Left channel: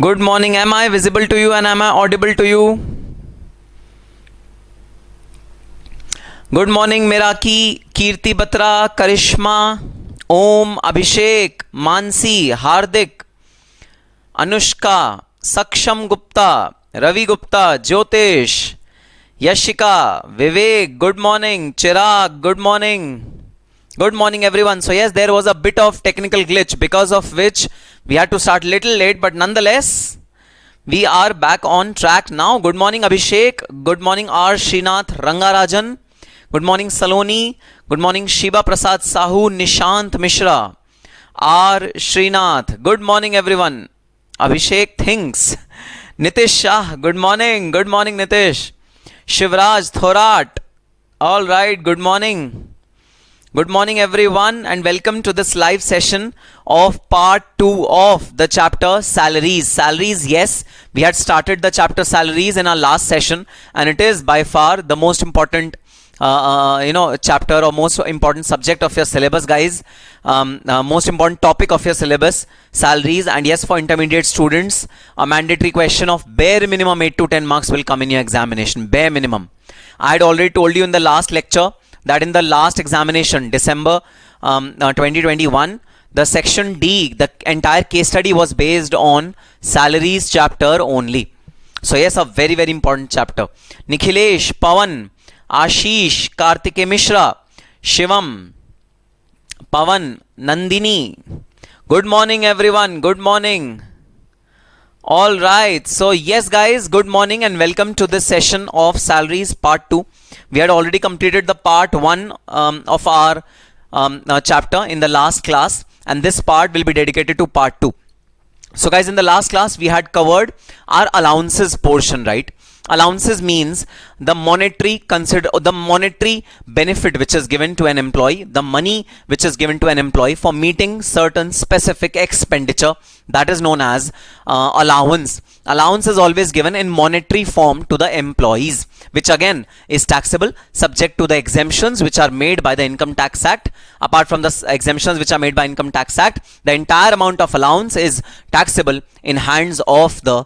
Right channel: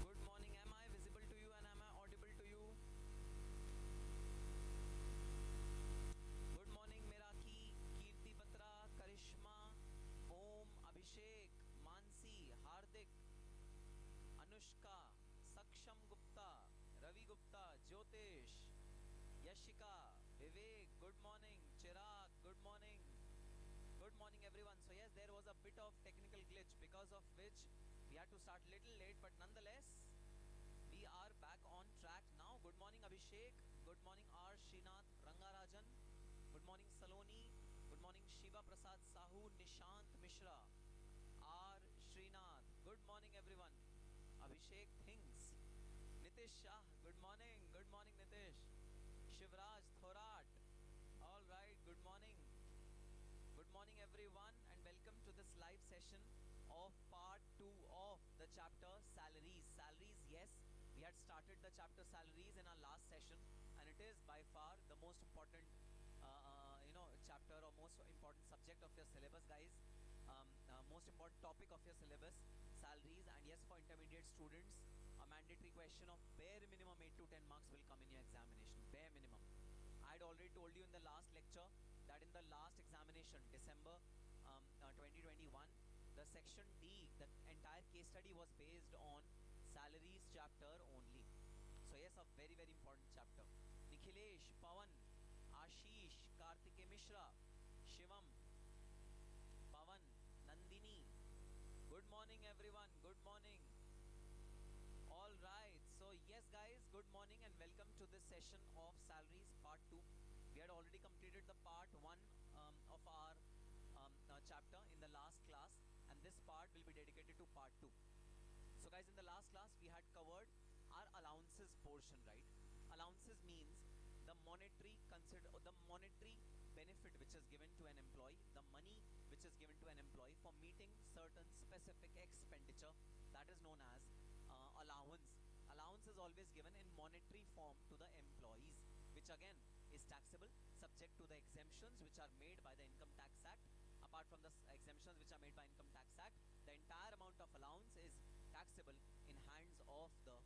Good morning. Am I visible to you and am I audible to you? Good morning Miraki, Kirti Batra, Karishma, Om, Abhishek, Mansi, Hardik, Anushka, Saksham Gupta, Ravi Gupta, Jyotish, Yashika, Vivek, good morning. Chirag, good morning. Good morning everyone. So yes, there was a bit of technical glitch because of which we had to start little late, but nonetheless we are back on track now. Good morning Abhishek, good morning R. Srinath Rangarajan, good morning Saloni, good morning Shiba Prasad Sahu, Nishant Mishra, R. Srinath, good morning everyone. Abhishek thinks. Nitish Shah, good morning Nitish. Shivraj Thorat, alright, good morning. Good morning everyone and welcome to this live session of part 2 of the chapter salaries. Salaries, yes, we had started the chapter salaries in our last session and it is by far the most important chapter or most important subject of your syllabus, guys. Most important topic of your syllabus, salaries. And yes, for intermediate students, a mandatory question of bare minimum 8 to 10 marks will come in your examination. Bare minimum. I had already told you in the last lecture that in the last examination, December 2021, the section D, the entire case study was based on salaries chapter only. So yes, a very, very important chapter. Nikhilesh, Pawan, Ashish, Kartike Mishra, Shivam, Pavan, Nandini. Good morning everyone, good morning. All right, so yes guys, good morning and welcome to this session of salaries part 2. We had already completed the part 1 of our chapter in the last class, and this part will be dedicated to part 2. So guys, in the last class we had covered our allowances portion, right? Allowances means the monetary benefit which is given to an employee, the money which is given to an employee for meeting certain specific expenditure, that is known as allowance. Allowance is always given in monetary form to the employees, which again is taxable subject to the exemptions which are made by the Income Tax Act. Apart from the exemptions which are made by Income Tax Act, the entire amount of allowance is taxable in hands of the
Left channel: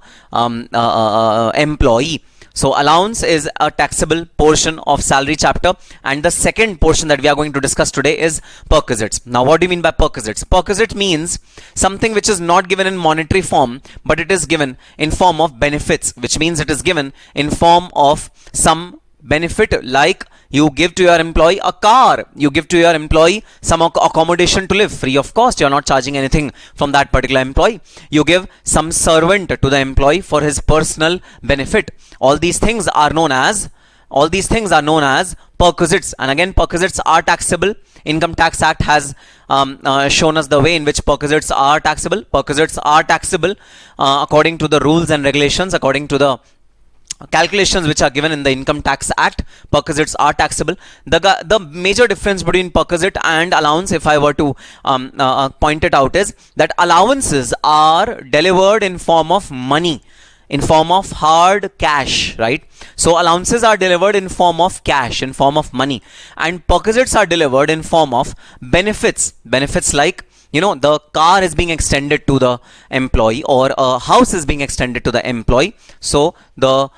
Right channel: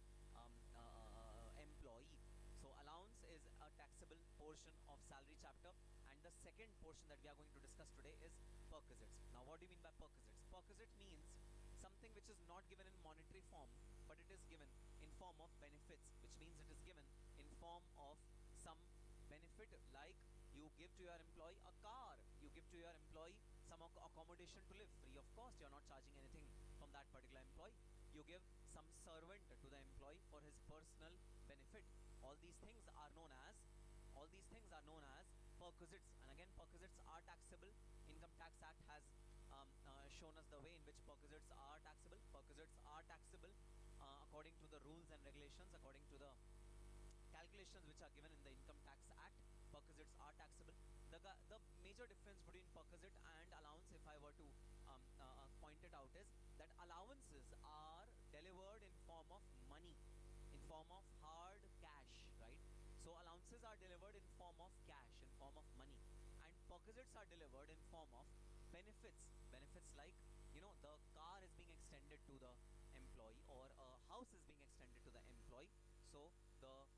employee. So allowance is a taxable portion of salary chapter, and the second portion that we are going to discuss today is perquisites. Now what do you mean by perquisites? Perquisite means something which is not given in monetary form, but it is given in form of benefits, which means it is given in form of some benefit, like you give to your employee a car, you give to your employee some accommodation to live free of cost, you're not charging anything from that particular employee, you give some servant to the employee for his personal benefit. All these things are known as perquisites, and again perquisites are taxable. Income Tax Act has shown us the way in which perquisites are taxable. Perquisites are taxable according to the rules and regulations, according to the calculations which are given in the Income Tax Act. Perquisites are taxable. The major difference between perquisite and allowance, if I were to point it out, is that allowances are delivered in form of money, in form of hard cash, right? So allowances are delivered in form of cash, in form of money, and perquisites are delivered in form of benefits. Benefits like, you know, the car is being extended to the employee, or a house is being extended to the employee. So the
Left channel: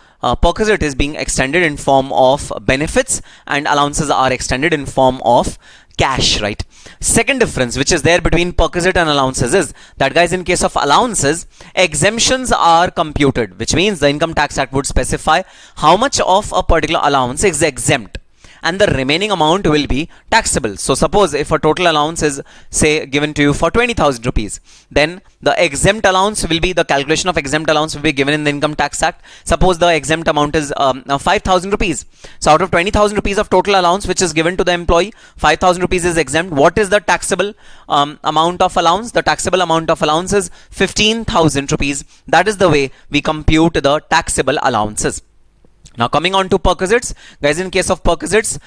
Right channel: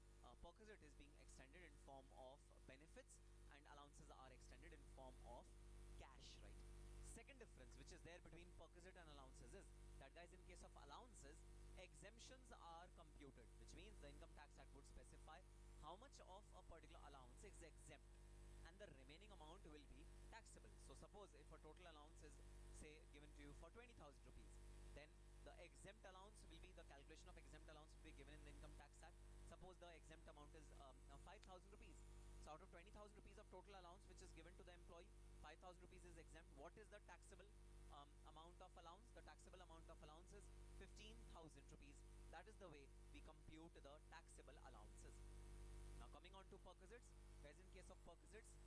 perquisite is being extended in form of benefits, and allowances are extended in form of cash, right? Second difference which is there between perquisite and allowances is that, guys, in case of allowances, exemptions are computed, which means the Income Tax Act would specify how much of a particular allowance is exempt, and the remaining amount will be taxable. So suppose if a total allowance is, say, given to you for 20,000 rupees, then the exempt allowance will be, the calculation of exempt allowance will be given in the Income Tax Act. Suppose the exempt amount is 5,000 rupees. So out of 20,000 rupees of total allowance which is given to the employee, 5,000 rupees is exempt. What is the taxable amount of allowance? The taxable amount of allowance is 15,000 rupees. That is the way we compute the taxable allowances. Now coming on to perquisites, guys, in case of perquisites,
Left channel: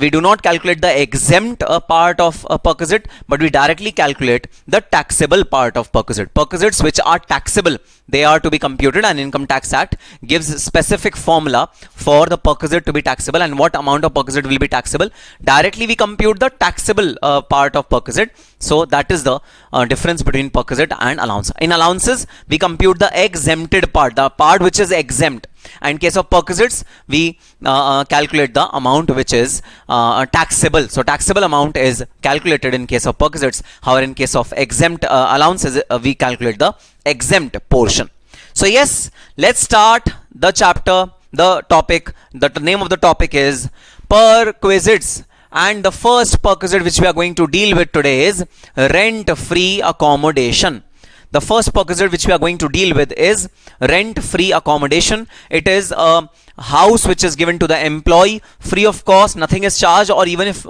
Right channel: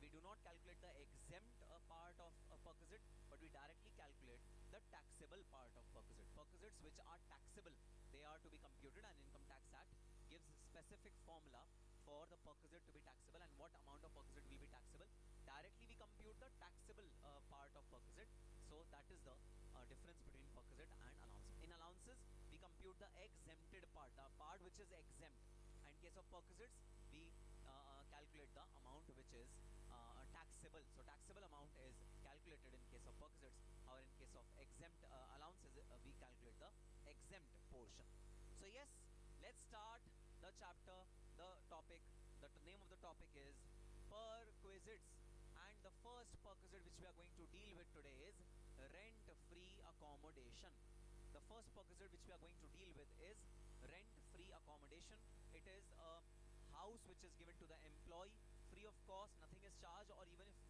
we do not calculate the exempt part of a perquisite, but we directly calculate the taxable part of perquisite. Perquisites which are taxable, they are to be computed, and Income Tax Act gives specific formula for the perquisite to be taxable and what amount of perquisite will be taxable. Directly we compute the taxable part of perquisite. So that is the difference between perquisite and allowance. In allowances, we compute the exempted part, the part which is exempt. And in case of perquisites, we calculate the amount which is taxable. So taxable amount is calculated in case of perquisites. However, in case of exempt allowances, we calculate the exempt portion. So yes, let's start the chapter, the topic. The name of the topic is Perquisites. And the first perquisite which we are going to deal with today is rent-free accommodation. The first perquisite which we are going to deal with is rent-free accommodation. It is a house which is given to the employee free of cost, nothing is charged, or even if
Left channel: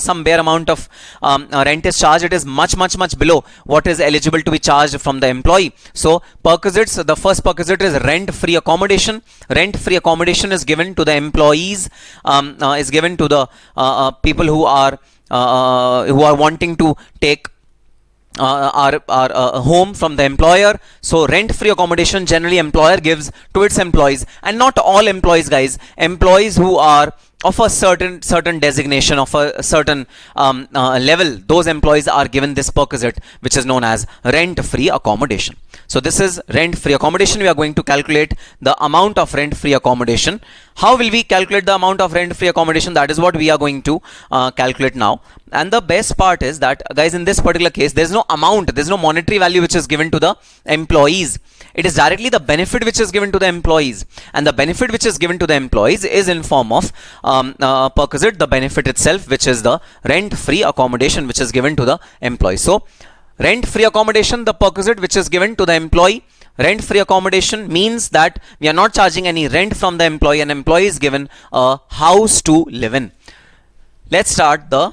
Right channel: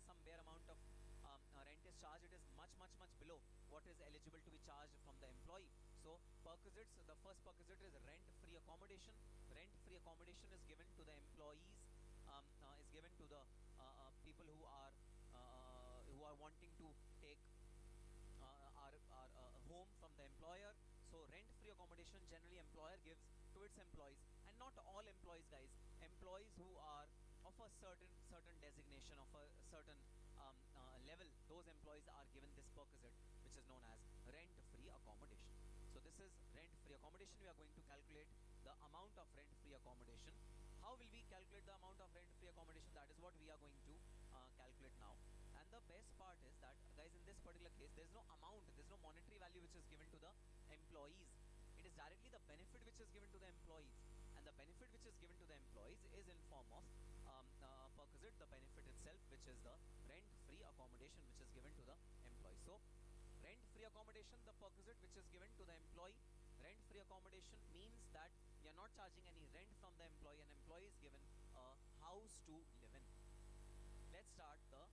some bare amount of rent is charged, it is much below what is eligible to be charged from the employee. So perquisites, the first perquisite is rent-free accommodation. Rent-free accommodation is given to the employees, is given to the people who are wanting to take our home from the employer. So rent-free accommodation generally employer gives to its employees, and not all employees, guys. Employees who are of a certain designation, of a certain level, those employees are given this perquisite which is known as rent-free accommodation. So this is rent-free accommodation. We are going to calculate the amount of rent-free accommodation. How will we calculate the amount of rent-free accommodation? That is what we are going to calculate now. And the best part is that, guys, in this particular case, there's no amount, there's no monetary value which is given to the employees. It is directly the benefit which is given to the employees. And the benefit which is given to the employees is in form of perquisite, the benefit itself, which is the rent-free accommodation which is given to the employee. So rent-free accommodation, the perquisite which is given to the employee. Rent-free accommodation means that we are not charging any rent from the employee, and employee is given a house to live in. Let's start the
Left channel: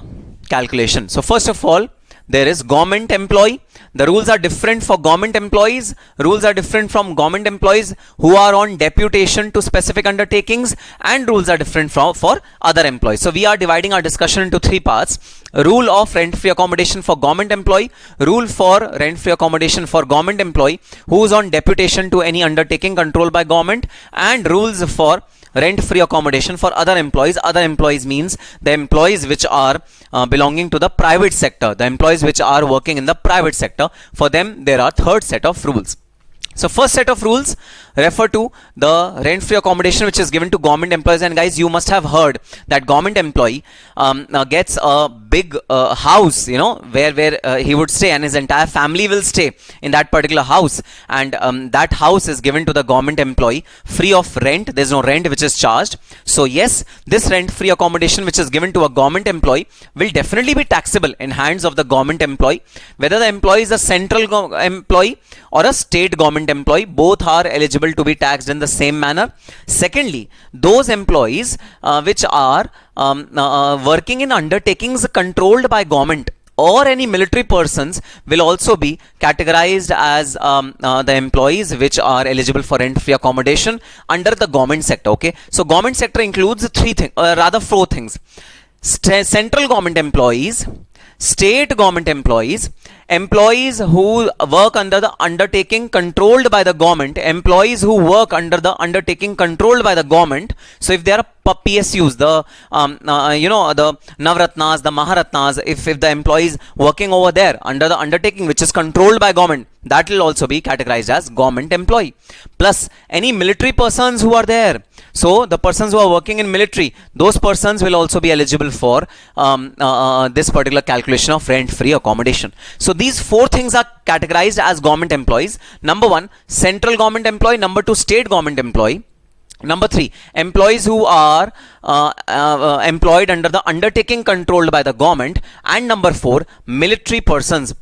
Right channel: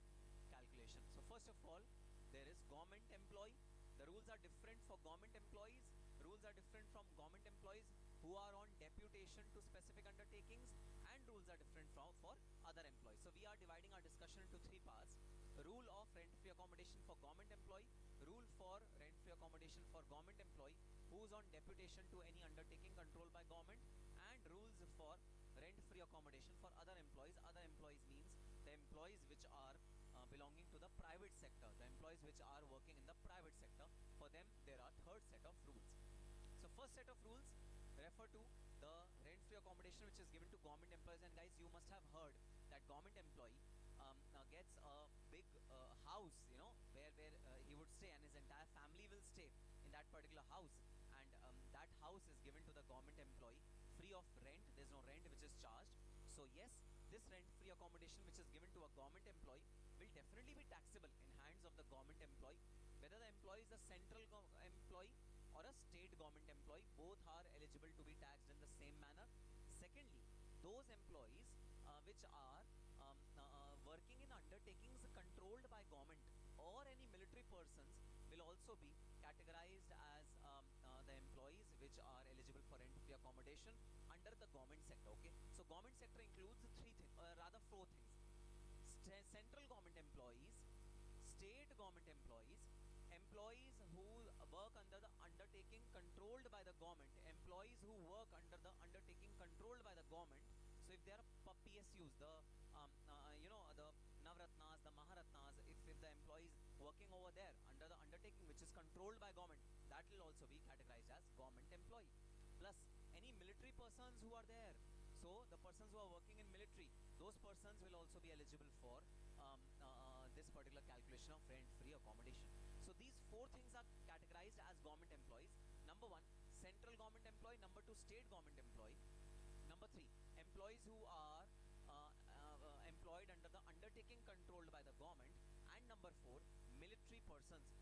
calculation. So first of all, there is government employee. The rules are different for government employees. Rules are different from government employees who are on deputation to specific undertakings, and rules are different for other employees. So we are dividing our discussion into three parts. Rule of rent-free accommodation for government employee, rule for rent-free accommodation for government employee who is on deputation to any undertaking controlled by government, and rules for rent-free accommodation for other employees. Other employees means the employees which are belonging to the private sector, the employees which are working in the private sector. For them, there are third set of rules. So first set of rules refer to the rent-free accommodation which is given to government employees. And guys, you must have heard that government employee gets a big house, where he would stay, and his entire family will stay in that particular house. And that house is given to the government employee free of rent. There's no rent which is charged. So yes, this rent-free accommodation which is given to a government employee will definitely be taxable in hands of the government employee. Whether the employee is a central employee or a state government employee, both are eligible to be taxed in the same manner. Secondly, those employees which are working in undertakings controlled by government or any military persons will also be categorized as the employees which are eligible for rent-free accommodation under the government sector. Okay, so government sector includes four things: central government employees, state government employees, employees who work under the undertaking controlled by the government, employees who work under the undertaking controlled by the government. So if they are PSUs, the the Navratnas, the Maharatnas, if the employees working over there under the undertaking which is controlled by government, that will also be categorized as government employee. Plus any military persons who are there. So the persons who are working in military, those persons will also be eligible for this particular calculation of rent-free accommodation. So these four things are categorized as government employees. Number one, central government employee. Number two, state government employee. Number three, employees who are employed under the undertaking controlled by the government, and number 4, military persons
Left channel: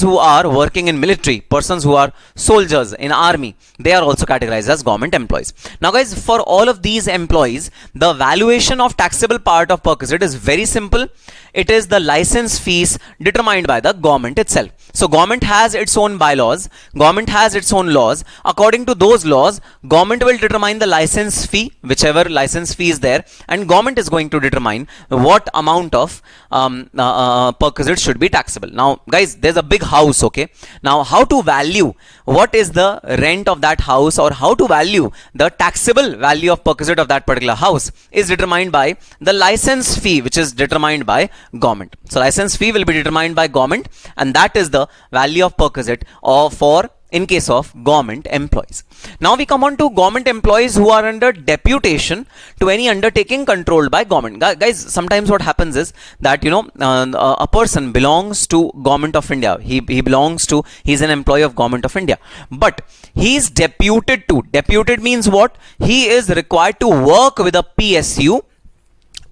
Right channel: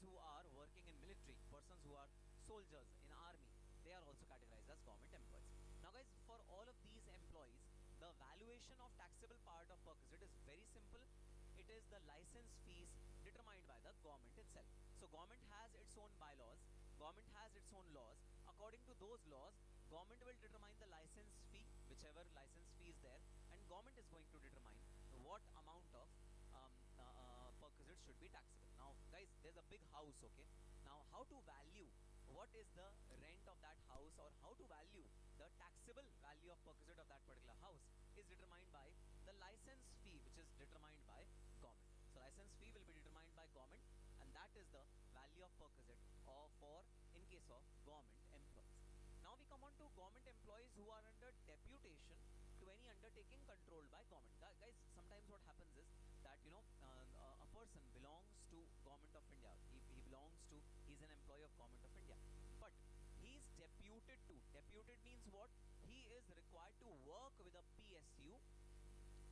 who are working in military, persons who are soldiers in army, they are also categorized as government employees. Now guys, for all of these employees, the valuation of taxable part of Perquisite is very simple. It is the license fees determined by the government itself. So government has its own bylaws, government has its own laws. According to those laws, government will determine the license fee, whichever license fee is there, and government is going to determine what amount of Perquisite should be taxable. Now guys, there's a big house, okay? Now how to value what is the rent of that house, or how to value the taxable value of Perquisite of that particular house is determined by the license fee, which is determined by government. So license fee will be determined by government, and that is the value of Perquisite or for in case of government employees. Now we come on to government employees who are under deputation to any undertaking controlled by government. Guys, sometimes what happens is that, you know, a person belongs to government of India. He's an employee of government of India, but he is deputed to. Deputed means what? He is required to work with a PSU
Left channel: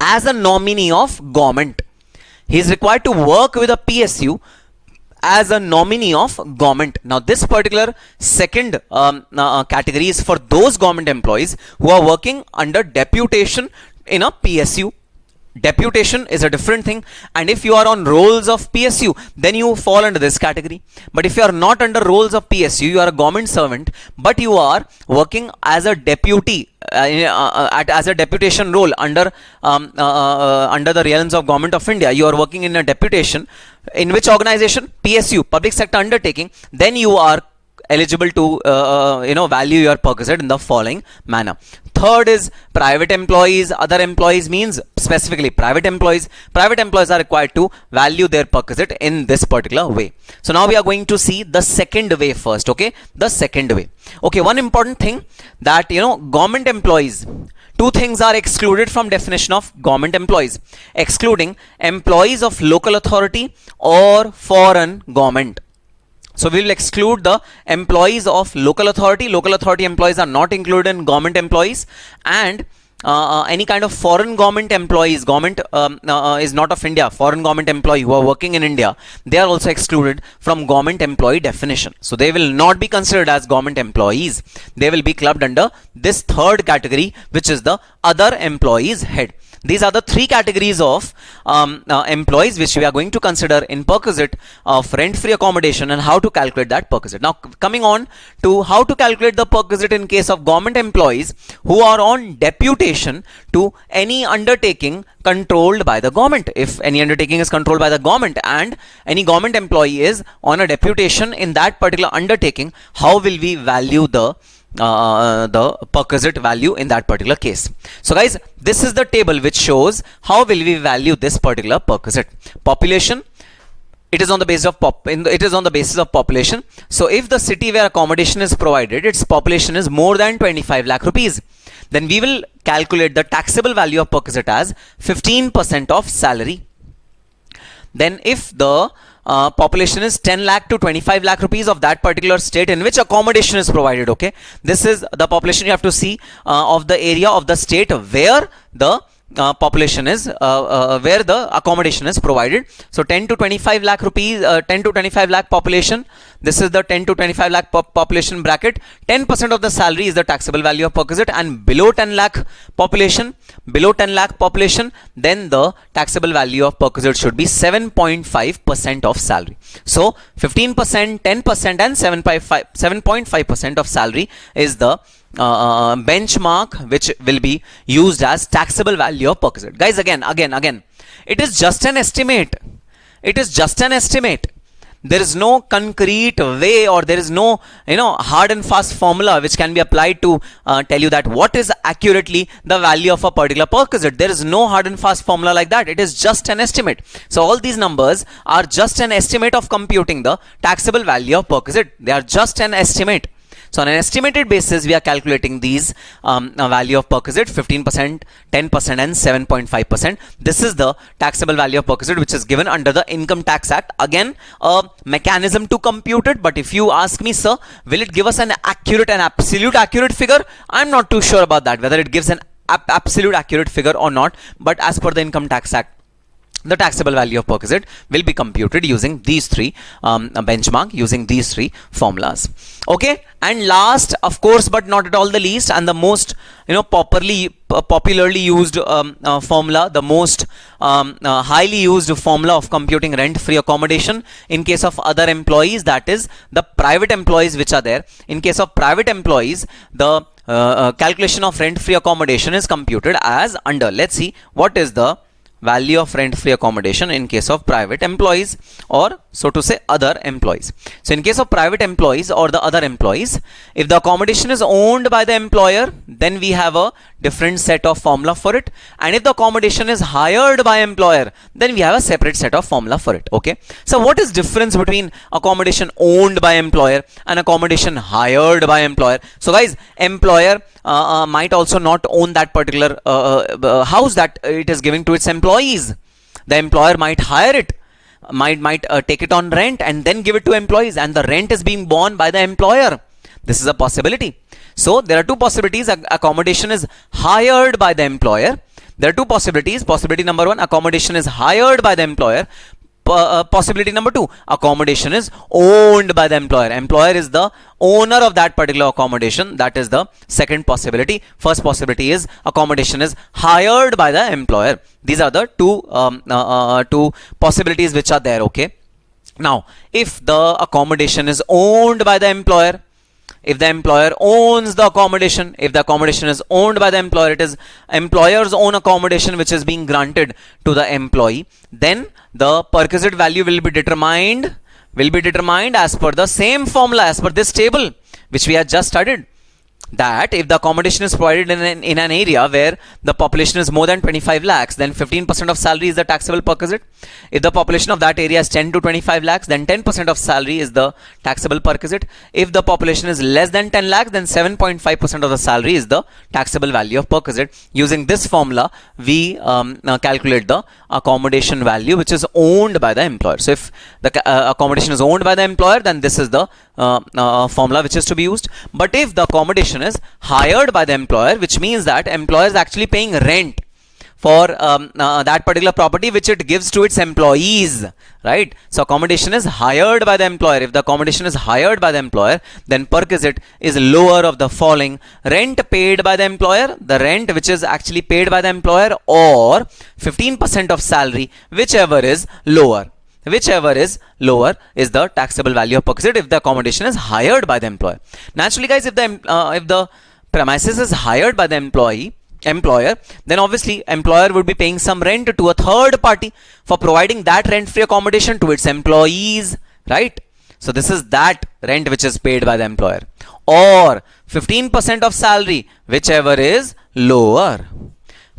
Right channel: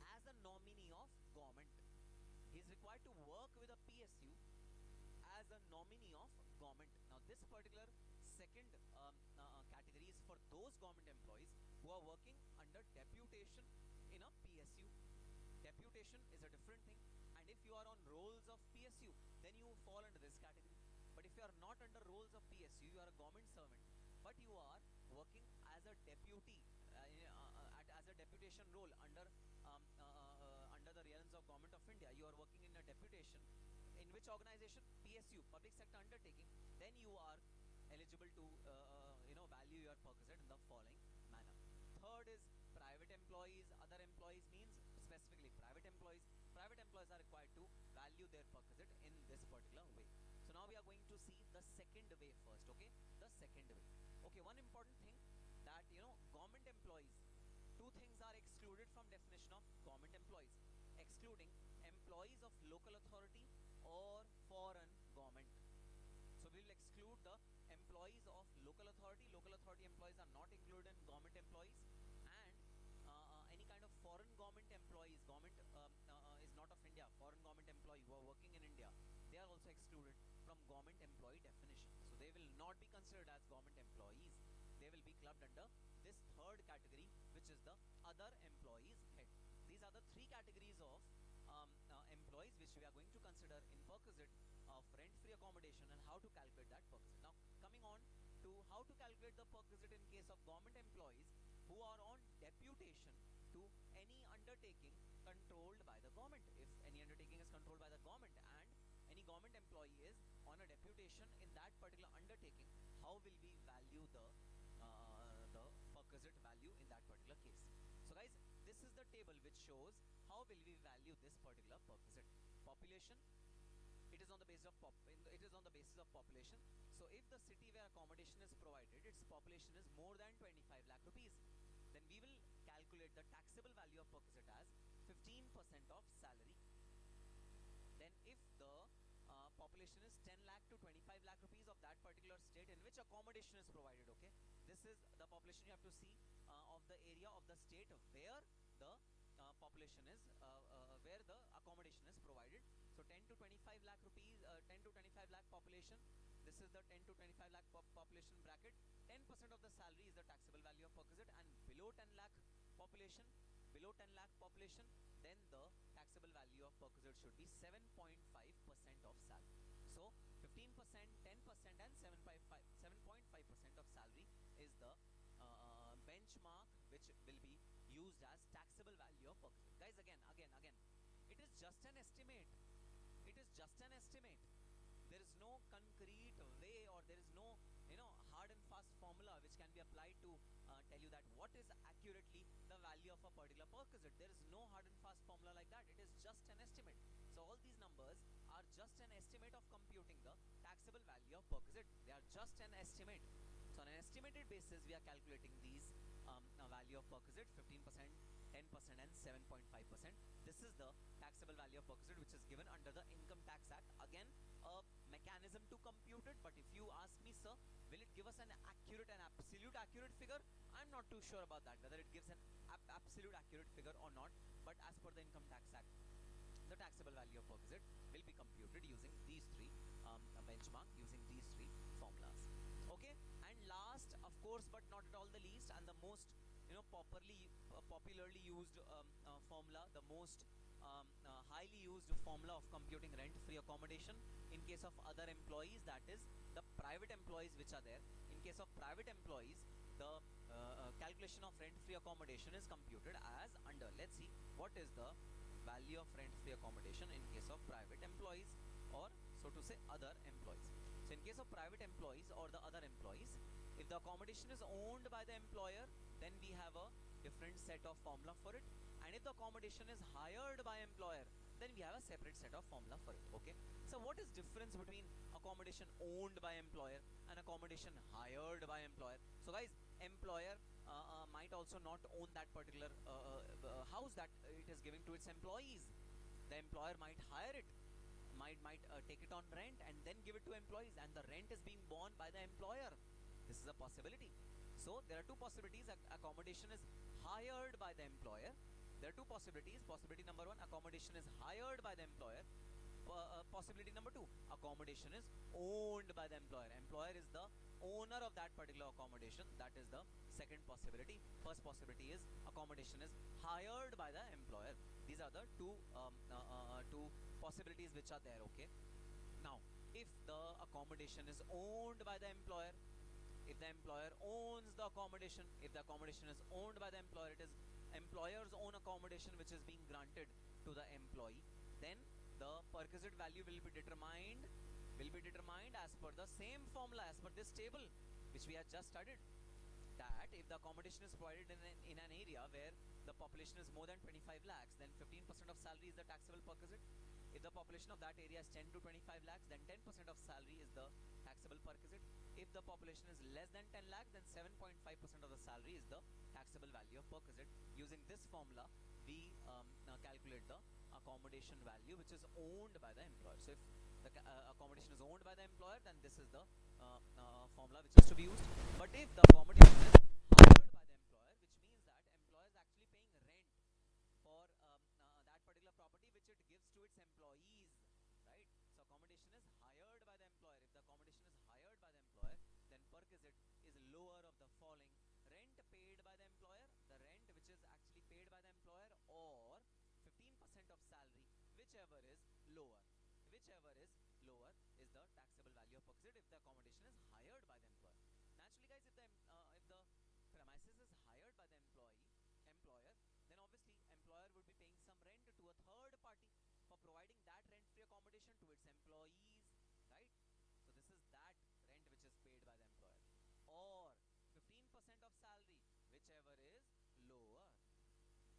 as a nominee of government. He is required to work with a PSU as a nominee of government. Now this particular second category is for those government employees who are working under deputation in a PSU. Deputation is a different thing, and if you are on rolls of PSU, then you fall under this category. But if you are not under rolls of PSU, you are a government servant, but you are working as a deputy, as a deputation role under the realms of government of India. You are working in a deputation in which organization? PSU, public sector undertaking. Then you are eligible to value your Perquisite in the following manner. Third is private employees. Other employees means specifically private employees. Private employees are required to value their Perquisite in this particular way. So now we are going to see the second way first. Okay, the second way. Okay, one important thing that, you know, government employees, two things are excluded from definition of government employees: excluding employees of local authority or foreign government. So we will exclude the employees of local authority. Local authority employees are not included in government employees, and any kind of foreign government employees, government is not of India, foreign government employee who are working in India, they are also excluded from government employee definition. So they will not be considered as government employees. They will be clubbed under this third category, which is the other employees head. These are the three categories of employees which we are going to consider in Perquisite of rent-free accommodation and how to calculate that Perquisite. Now coming on to how to calculate the Perquisite in case of government employees who are on deputation to any undertaking controlled by the government. If any undertaking is controlled by the government and any government employee is on a deputation in that particular undertaking, how will we value the Perquisite value in that particular case? So guys, this is the table which shows how will we value this particular Perquisite. Population, it is on the basis of population. So if the city where accommodation is provided, its population is more than 25 lakh rupees, then we will calculate the taxable value of Perquisite as 15% of salary. Then if the population is 10 lakh to 25 lakh rupees of that particular state in which accommodation is provided, okay, this is the population you have to see of the area of the state where the population is where the accommodation is provided. So 10 to 25 lakh rupees, 10 to 25 lakh population, this is the 10 to 25 lakh population bracket. 10% of the salary is the taxable value of Perquisite, and below 10 lakh population, then the taxable value of Perquisite should be 7.5% of salary. So 15%, 10% and 7.5% of salary is the benchmark which will be used as taxable value of Perquisite. Guys, again, it is just an estimate. There is no concrete way, or there is no hard and fast formula which can be applied to tell you that what is accurately the value of a particular Perquisite. There is no hard and fast formula like that. It is just an estimate. So all these numbers are just an estimate of computing the taxable value of Perquisite. They are just an estimate. So on an estimated basis, we are calculating these value of Perquisite: 15%, 10% and 7.5%. This is the taxable value of Perquisite which is given under the Income Tax Act. Again, a mechanism to compute it, but if you ask me, sir, will it give us an absolute accurate figure? I'm not too sure about that, whether it gives an absolute accurate figure or not, but as per the Income Tax Act, the taxable value of perquisite will be computed using these three benchmark, using these three formulas. Okay, and last, of course, but not at all the least, and the most popularly used formula, the most highly used formula of computing rent-free accommodation in case of other employees, that is the private employees which are there. In case of private employees, the calculation of rent-free accommodation is computed as under. Let's see what is the value of rent-free accommodation in case of private employees, or so to say other employees. So in case of private employees or the other employees, if the accommodation is owned by the employer, then we have a different set of formula for it, and if the accommodation is hired by employer, then we have a separate set of formula for it. Okay, so what is difference between accommodation owned by employer and accommodation hired by employer? So guys, employer might also not own that particular house that it is giving to its employees. The employer might hire it, might take it on rent and then give it to employees, and the rent is being borne by the employer. This is a possibility. So there are two possibilities. Accommodation is hired by the employer. There are two possibilities. Possibility number one, accommodation is hired by the employer. Possibility number two, accommodation is owned by the employer. Employer is the owner of that particular accommodation. That is the second possibility. First possibility is accommodation is hired by the employer. These are the two possibilities which are there. Okay. Now, if the accommodation is owned by the employer, if the employer owns the accommodation, if the accommodation is owned by the employer, it is employer's own accommodation which is being granted to the employee, then the perquisite value will be determined as per the same formula, as per this table which we have just studied. That if the accommodation is provided in an area where the population is more than 25 lakhs, then 15% of salary is the taxable perquisite. If the population of that area is 10 to 25 lakhs, then 10% of salary is the taxable perquisite. If the population is less than 10 lakhs, then 7.5% of the salary is the taxable value of perquisite. Using this formula, we calculate the accommodation value which is owned by the employer. So if the accommodation is owned by the employer, then this is the formula which is to be used. But if the accommodation is hired by the employer, which means that employer is actually paying rent for that particular property which it gives to its employees, right? So accommodation is hired by the employer. If the accommodation is hired by the employer, then perquisite is lower of the following: rent paid by the employer, the rent which is actually paid by the employer, or 15% of salary, whichever is lower. Whichever is lower is the taxable value of perquisite if the accommodation is hired by the employer. Naturally, guys, if the premises is hired by the employer, then obviously employer would be paying some rent to a third party for providing that rent-free accommodation to its employees, right? So this is that rent which is paid by the employer, or 15% of salary, whichever is lower.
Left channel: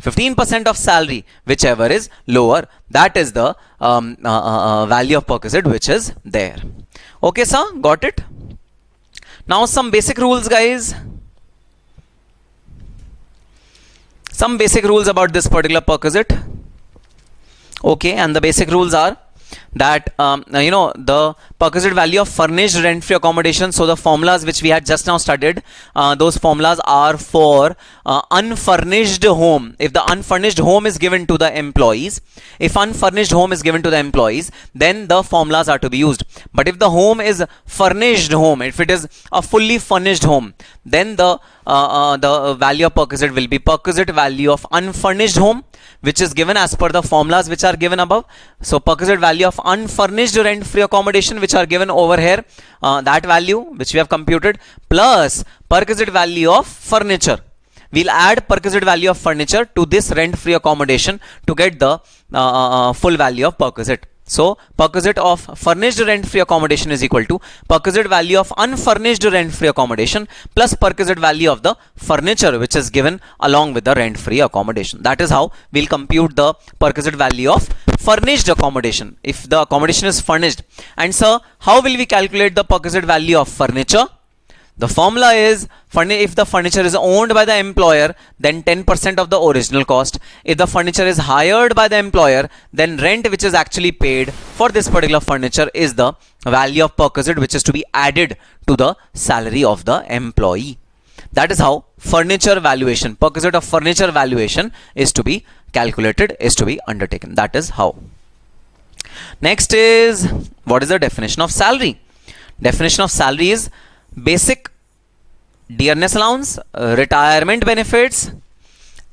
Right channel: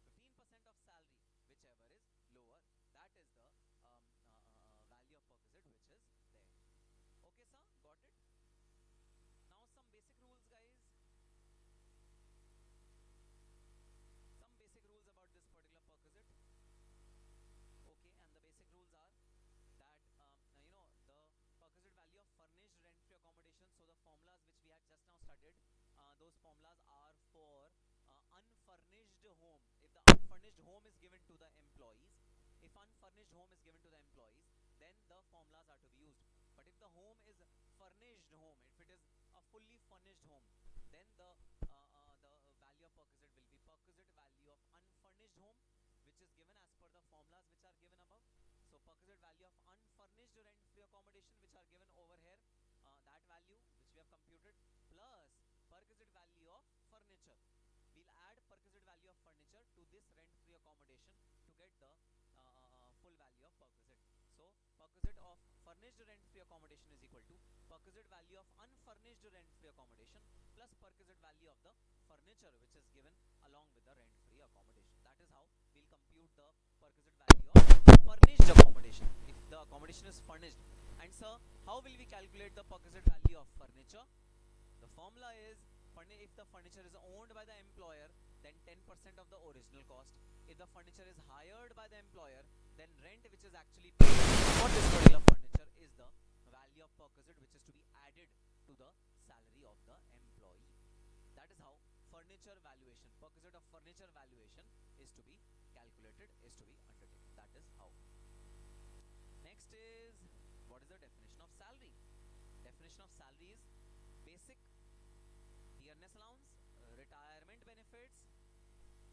15% of salary, whichever is lower, that is the value of perquisite which is there. Okay, sir, got it? Now some basic rules, guys. Some basic rules about this particular perquisite. Okay, and the basic rules are that the perquisite value of furnished rent-free accommodation. So the formulas which we had just now studied, those formulas are for unfurnished home. If the unfurnished home is given to the employees, then the formulas are to be used. But if the home is furnished home, if it is a fully furnished home, then the value of perquisite will be perquisite value of unfurnished home, which is given as per the formulas which are given above. So perquisite value of unfurnished rent-free accommodation which are given over here, that value which we have computed, plus perquisite value of furniture. We'll add perquisite value of furniture to this rent-free accommodation to get the full value of perquisite. So perquisite of furnished rent-free accommodation is equal to perquisite value of unfurnished rent-free accommodation plus perquisite value of the furniture which is given along with the rent-free accommodation. That is how we'll compute the perquisite value of furnished accommodation if the accommodation is furnished. And sir, how will we calculate the perquisite value of furniture? The formula is, if the furniture is owned by the employer, then 10% of the original cost. If the furniture is hired by the employer, then rent which is actually paid for this particular furniture is the value of perquisite which is to be added to the salary of the employee. That is how furniture valuation, perquisite of furniture valuation is to be calculated, is to be undertaken. That is how. Next is, what is the definition of salary? Definition of salary is basic dearness allowance, retirement benefits,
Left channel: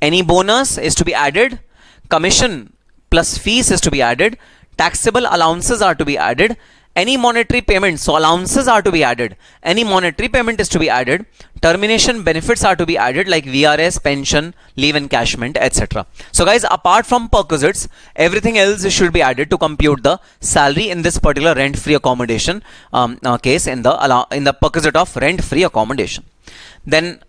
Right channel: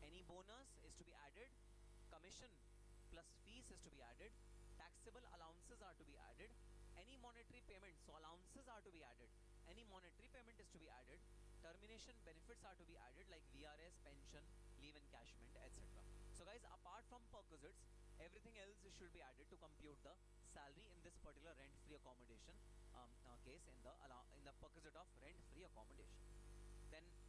any bonus is to be added, commission plus fees is to be added, taxable allowances are to be added, any monetary payment, so allowances are to be added, any monetary payment is to be added, termination benefits are to be added like VRS, pension, leave encashment, etc. So guys, apart from perquisites, everything else should be added to compute the salary in this particular rent-free accommodation case, in the perquisite of rent-free accommodation. Then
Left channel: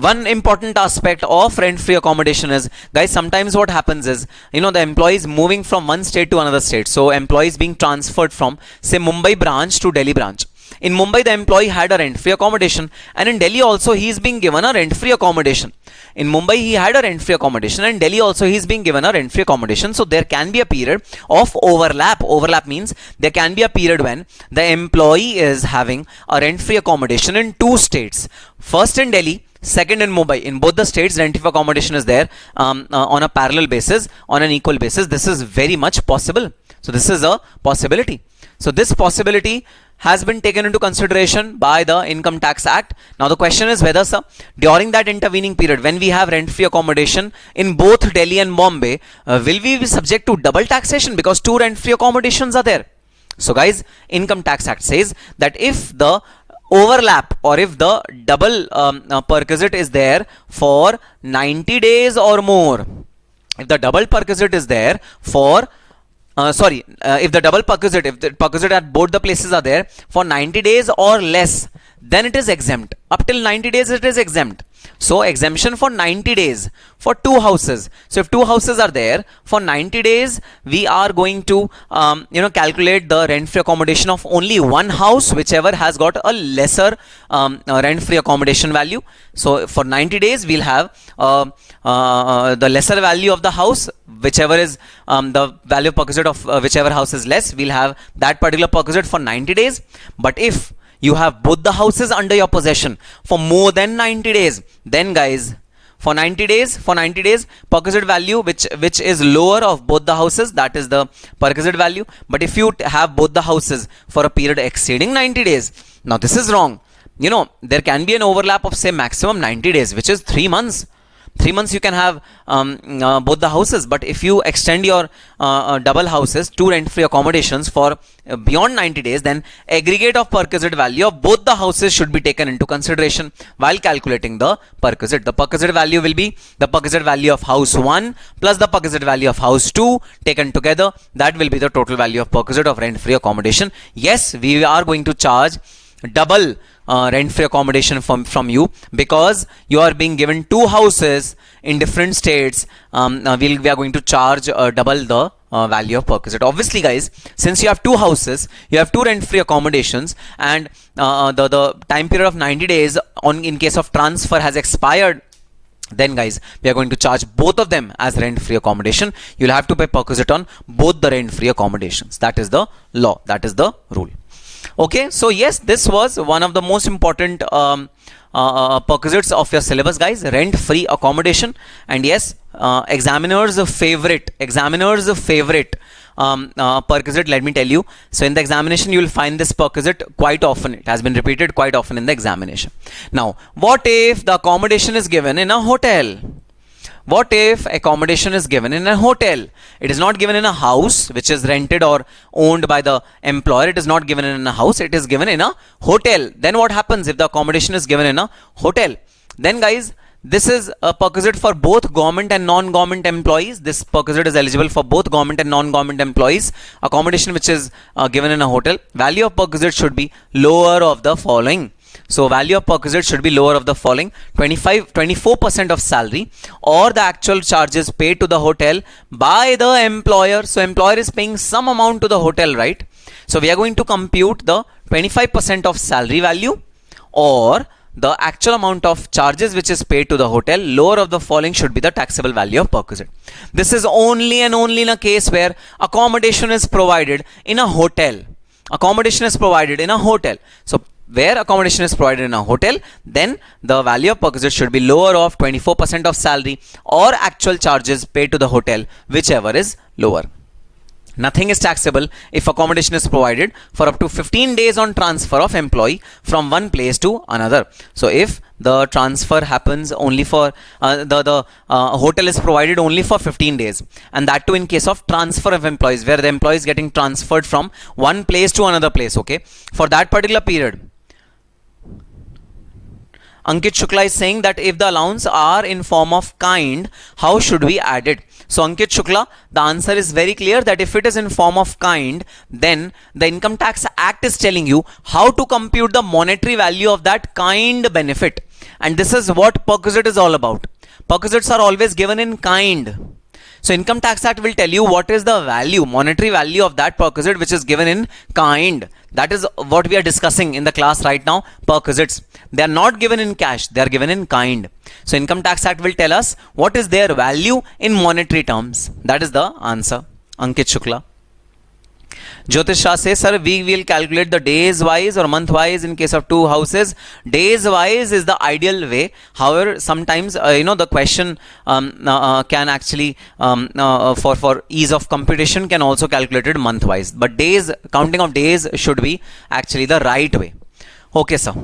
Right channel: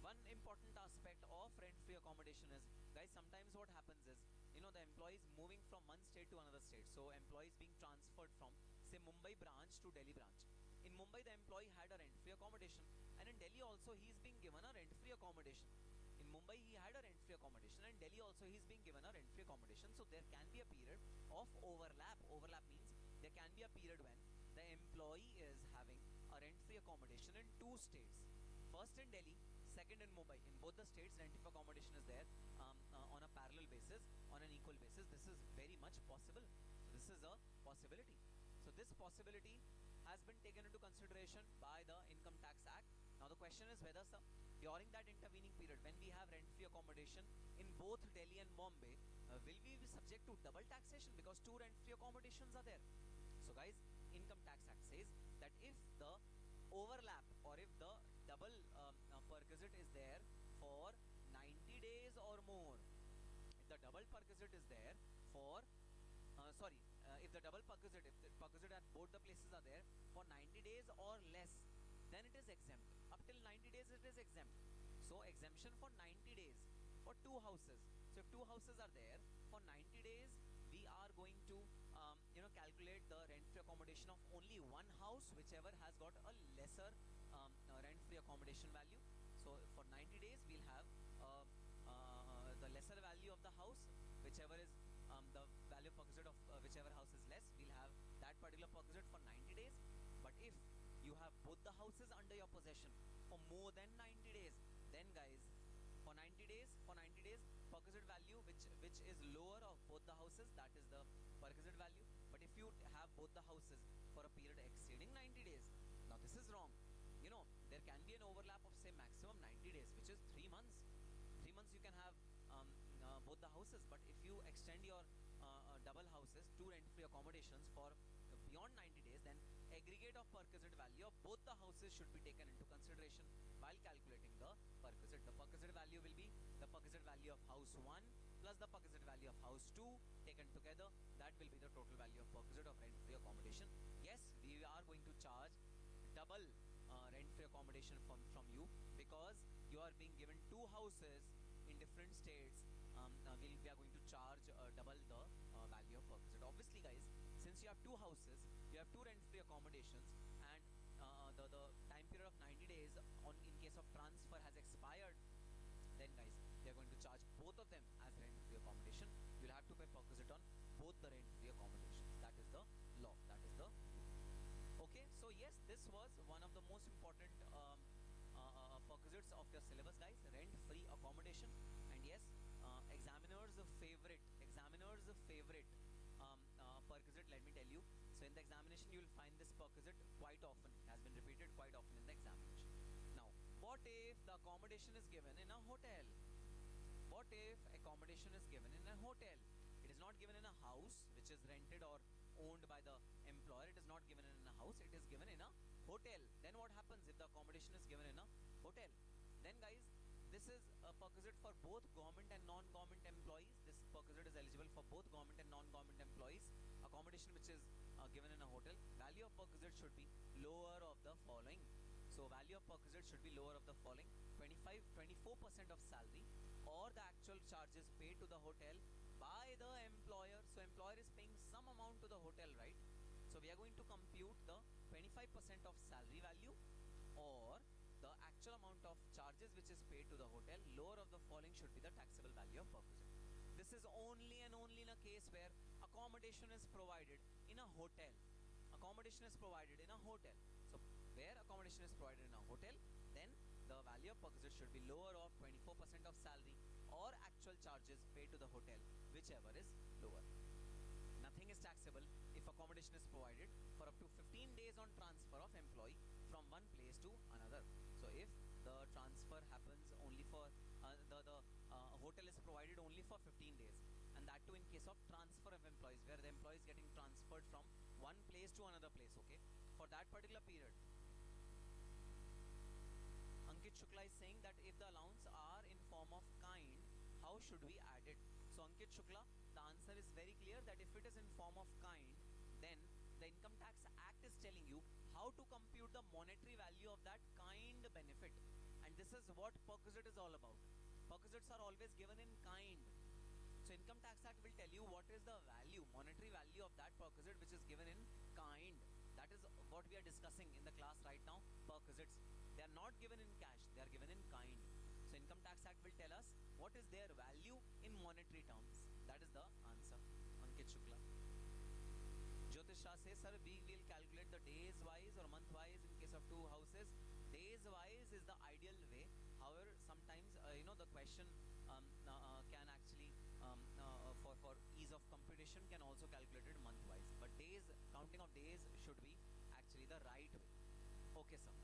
one important aspect of rent-free accommodation is, guys, sometimes what happens is, the employees moving from one state to another state. So employees being transferred from, say, Mumbai branch to Delhi branch. In Mumbai, the employee had a rent-free accommodation, and in Delhi also he is being given a rent-free accommodation. In Mumbai, he had a rent-free accommodation, and in Delhi also he is being given a rent-free accommodation. So there can be a period of overlap. Overlap means there can be a period when the employee is having a rent-free accommodation in two states. First in Delhi, second in Mumbai. In both the states, rent-free accommodation is there on a parallel basis, on an equal basis. This is very much possible. So this is a possibility. So this possibility has been taken into consideration by the Income Tax Act. Now the question is whether, sir, during that intervening period, when we have rent-free accommodation in both Delhi and Bombay, will we be subject to double taxation because two rent-free accommodations are there? So guys, Income Tax Act says that if the overlap or if the double perquisite is there for 90 days or more, if the double perquisite is there for if the double perquisite, if the perquisite at both the places are there for 90 days or less, then it is exempt. Up till 90 days it is exempt. So exemption for 90 days for two houses. So if two houses are there for 90 days, we are going to calculate the rent-free accommodation of only one house, whichever has got a lesser rent-free accommodation value. So for 90 days we'll have the lesser value of the house, whichever is the value of perquisite of whichever house is less, we'll have that particular perquisite for 90 days. But if you have both the houses under your possession for more than 90 days, then guys, for 90 days, perquisite value which is lower of both the houses, that is the perquisite value. But if you have both the houses for a period exceeding 90 days, now this is wrong. There can be an overlap of, say, maximum 90 days, which is 3 months. 3 months you can have both the houses, but if you extend your double houses, two rent-free accommodations for beyond 90 days, then aggregate of perquisite value of both the houses should be taken into consideration while calculating the perquisite. The perquisite value will be the perquisite value of house 1 plus the perquisite value of house 2 taken together. That will be the total value of perquisite of rent-free accommodation. Yes, we are going to charge double rent-free accommodation from you because you are being given two houses in different states. We are going to charge double the value of perquisite. Obviously, guys, since you have two houses, you have two rent-free accommodations, and the time period of 90 days in case of transfer has expired, then guys, we are going to charge both of them as rent-free accommodation. You'll have to pay perquisite on both the rent-free accommodations. That is the law. That is the rule. Okay, so yes, this was one of the most important perquisites of your syllabus, guys, rent-free accommodation. And yes, examiner's favorite perquisite, let me tell you. So in the examination, you will find this perquisite quite often. It has been repeated quite often in the examination. Now, what if the accommodation is given in a hotel? What if accommodation is given in a hotel? It is not given in a house which is rented or owned by the employer. It is not given in a house. It is given in a hotel. Then what happens if the accommodation is given in a hotel? Then guys, this is a perquisite for both government and non-government employees. This perquisite is eligible for both government and non-government employees. Accommodation which is given in a hotel. Value of perquisite should be lower of the following. So value of perquisite should be lower of the following: 24% of salary or the actual charges paid to the hotel by the employer. So employer is paying some amount to the hotel, right? So we are going to compute the 25% of salary value or the actual amount of charges which is paid to the hotel. Lower of the following should be the taxable value of perquisite. This is only and only in a case where accommodation is provided in a hotel. Accommodation is provided in a hotel. So where accommodation is provided in a hotel, then the value of perquisite should be lower of 24% of salary or actual charges paid to the hotel, whichever is lower. Nothing is taxable if accommodation is provided for up to 15 days on transfer of employee from one place to another. So if the transfer happens only for the hotel is provided only for 15 days, and that too in case of transfer of employees, where the employee is getting transferred from one place to another place, okay, for that particular period. Ankit Shukla is saying that if the allowance are in form of kind, how should we add it? So Ankit Shukla, the answer is very clear that if it is in form of kind, then the Income Tax Act is telling you how to compute the monetary value of that kind benefit. And this is what perquisite is all about. Perquisites are always given in kind. So Income Tax Act will tell you what is the value, monetary value of that perquisite which is given in kind. That is what we are discussing in the class right now, perquisites. They are not given in cash, they are given in kind. So Income Tax Act will tell us what is their value in monetary terms. That is the answer. Ankit Shukla. Jyotish Shah says, sir, we will calculate the days wise or month wise in case of two houses. Days wise is the ideal way. However, sometimes the question can actually for ease of computation can also calculate it month wise. But days, counting of days should be actually the right way. Okay, sir.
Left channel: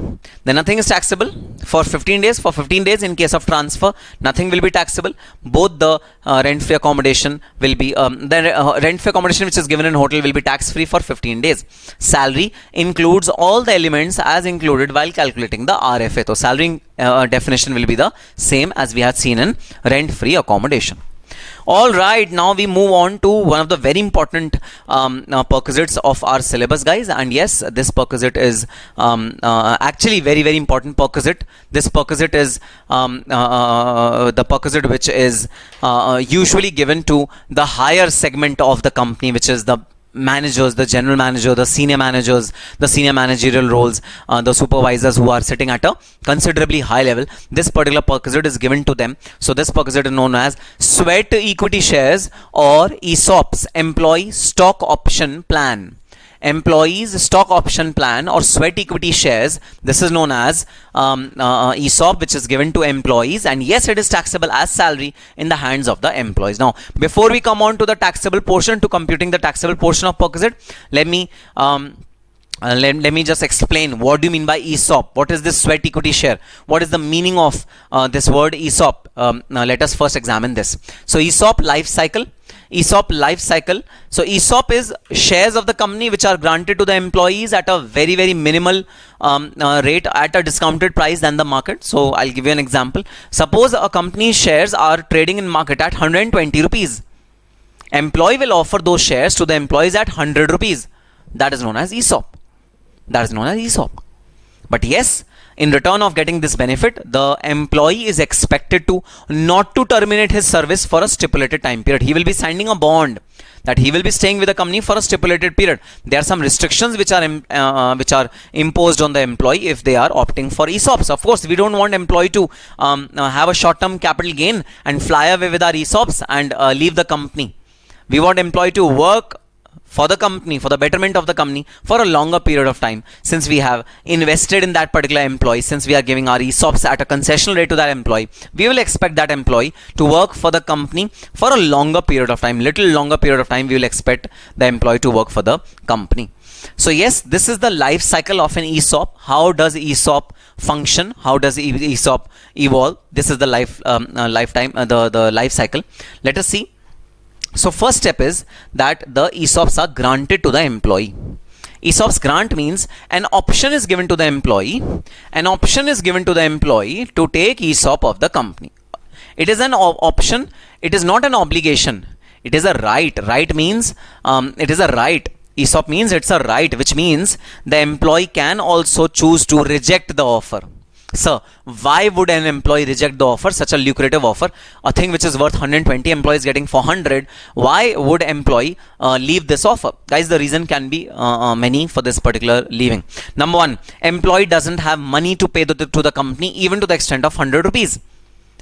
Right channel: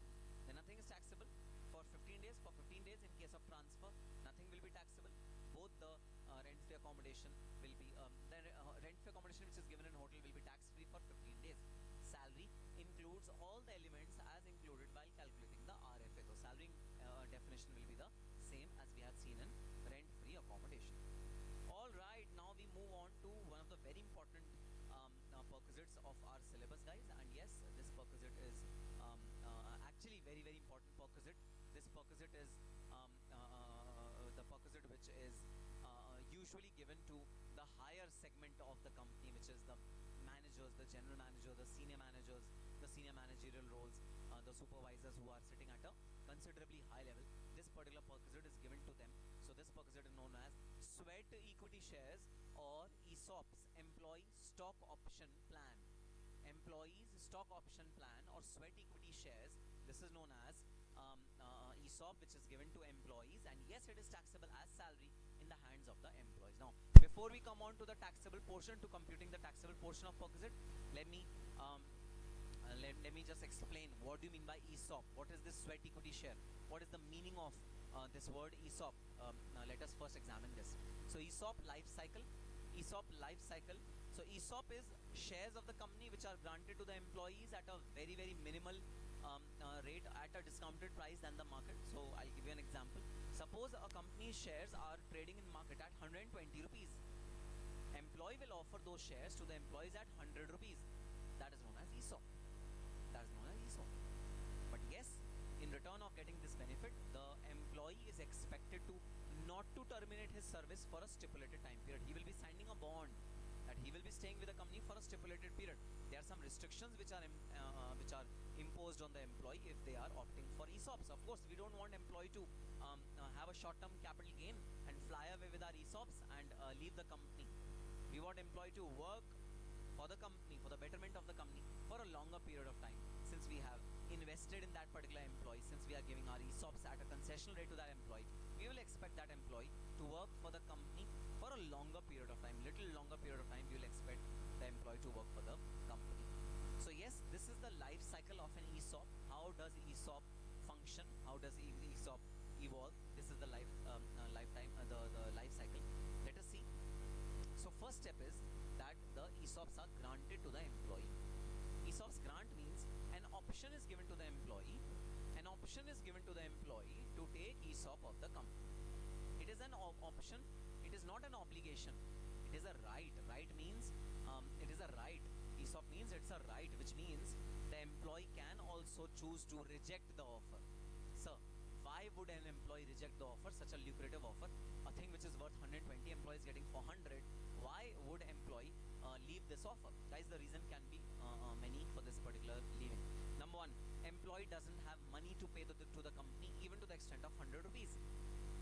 Then nothing is taxable for 15 days. For 15 days in case of transfer, nothing will be taxable. Both the rent-free accommodation will be, the rent-free accommodation which is given in hotel will be tax-free for 15 days. Salary includes all the elements as included while calculating the RFA. So salary definition will be the same as we had seen in rent-free accommodation. All right, now we move on to one of the very important perquisites of our syllabus, guys. And yes, this perquisite is actually very, very important perquisite. This perquisite is the perquisite which is usually given to the higher segment of the company, which is the managers, the general manager, the senior managers, the senior managerial roles, the supervisors who are sitting at a considerably high level. This particular perquisite is given to them. So this perquisite is known as sweat equity shares or ESOPs, employee stock option plan. Employees stock option plan or sweat equity shares. This is known as ESOP, which is given to employees, and yes, it is taxable as salary in the hands of the employees. Now, before we come on to the taxable portion, to computing the taxable portion of perquisite, let me just explain what do you mean by ESOP. What is this sweat equity share? What is the meaning of this word ESOP? Now let us first examine this. So ESOP life cycle. ESOP life cycle. So ESOP is shares of the company which are granted to the employees at a very, very minimal rate at a discounted price than the market. So I'll give you an example. Suppose a company's shares are trading in market at 120 rupees. Employee will offer those shares to the employees at 100 rupees. That is known as ESOP. That is known as ESOP. But yes, in return of getting this benefit, the employee is expected to not to terminate his service for a stipulated time period. He will be signing a bond that he will be staying with the company for a stipulated period. There are some restrictions which are imposed on the employee if they are opting for ESOPs. Of course, we don't want employee to have a short-term capital gain and fly away with our ESOPs and leave the company. We want employee to work for the company, for the betterment of the company, for a longer period of time. Since we have invested in that particular employee, since we are giving our ESOPs at a concessional rate to that employee, we will expect that employee to work for the company for a longer period of time, little longer period of time. We will expect the employee to work for the company. So yes, this is the life cycle of an ESOP. How does ESOP function? How does ESOP evolve? This is the lifetime, the life cycle. Let us see. So first step is that the ESOPs are granted to the employee. ESOPs grant means an option is given to the employee. An option is given to the employee to take ESOP of the company. It is an option. It is not an obligation. It is a right. Right means it is a right. ESOP means it's a right, which means the employee can also choose to reject the offer. Sir, why would an employee reject the offer, such a lucrative offer, a thing which is worth 120, employees getting 400? Why would employee leave this offer? Guys, the reason can be many for this particular leaving. Number one, employee doesn't have money to pay to the company, even to the extent of 100 rupees.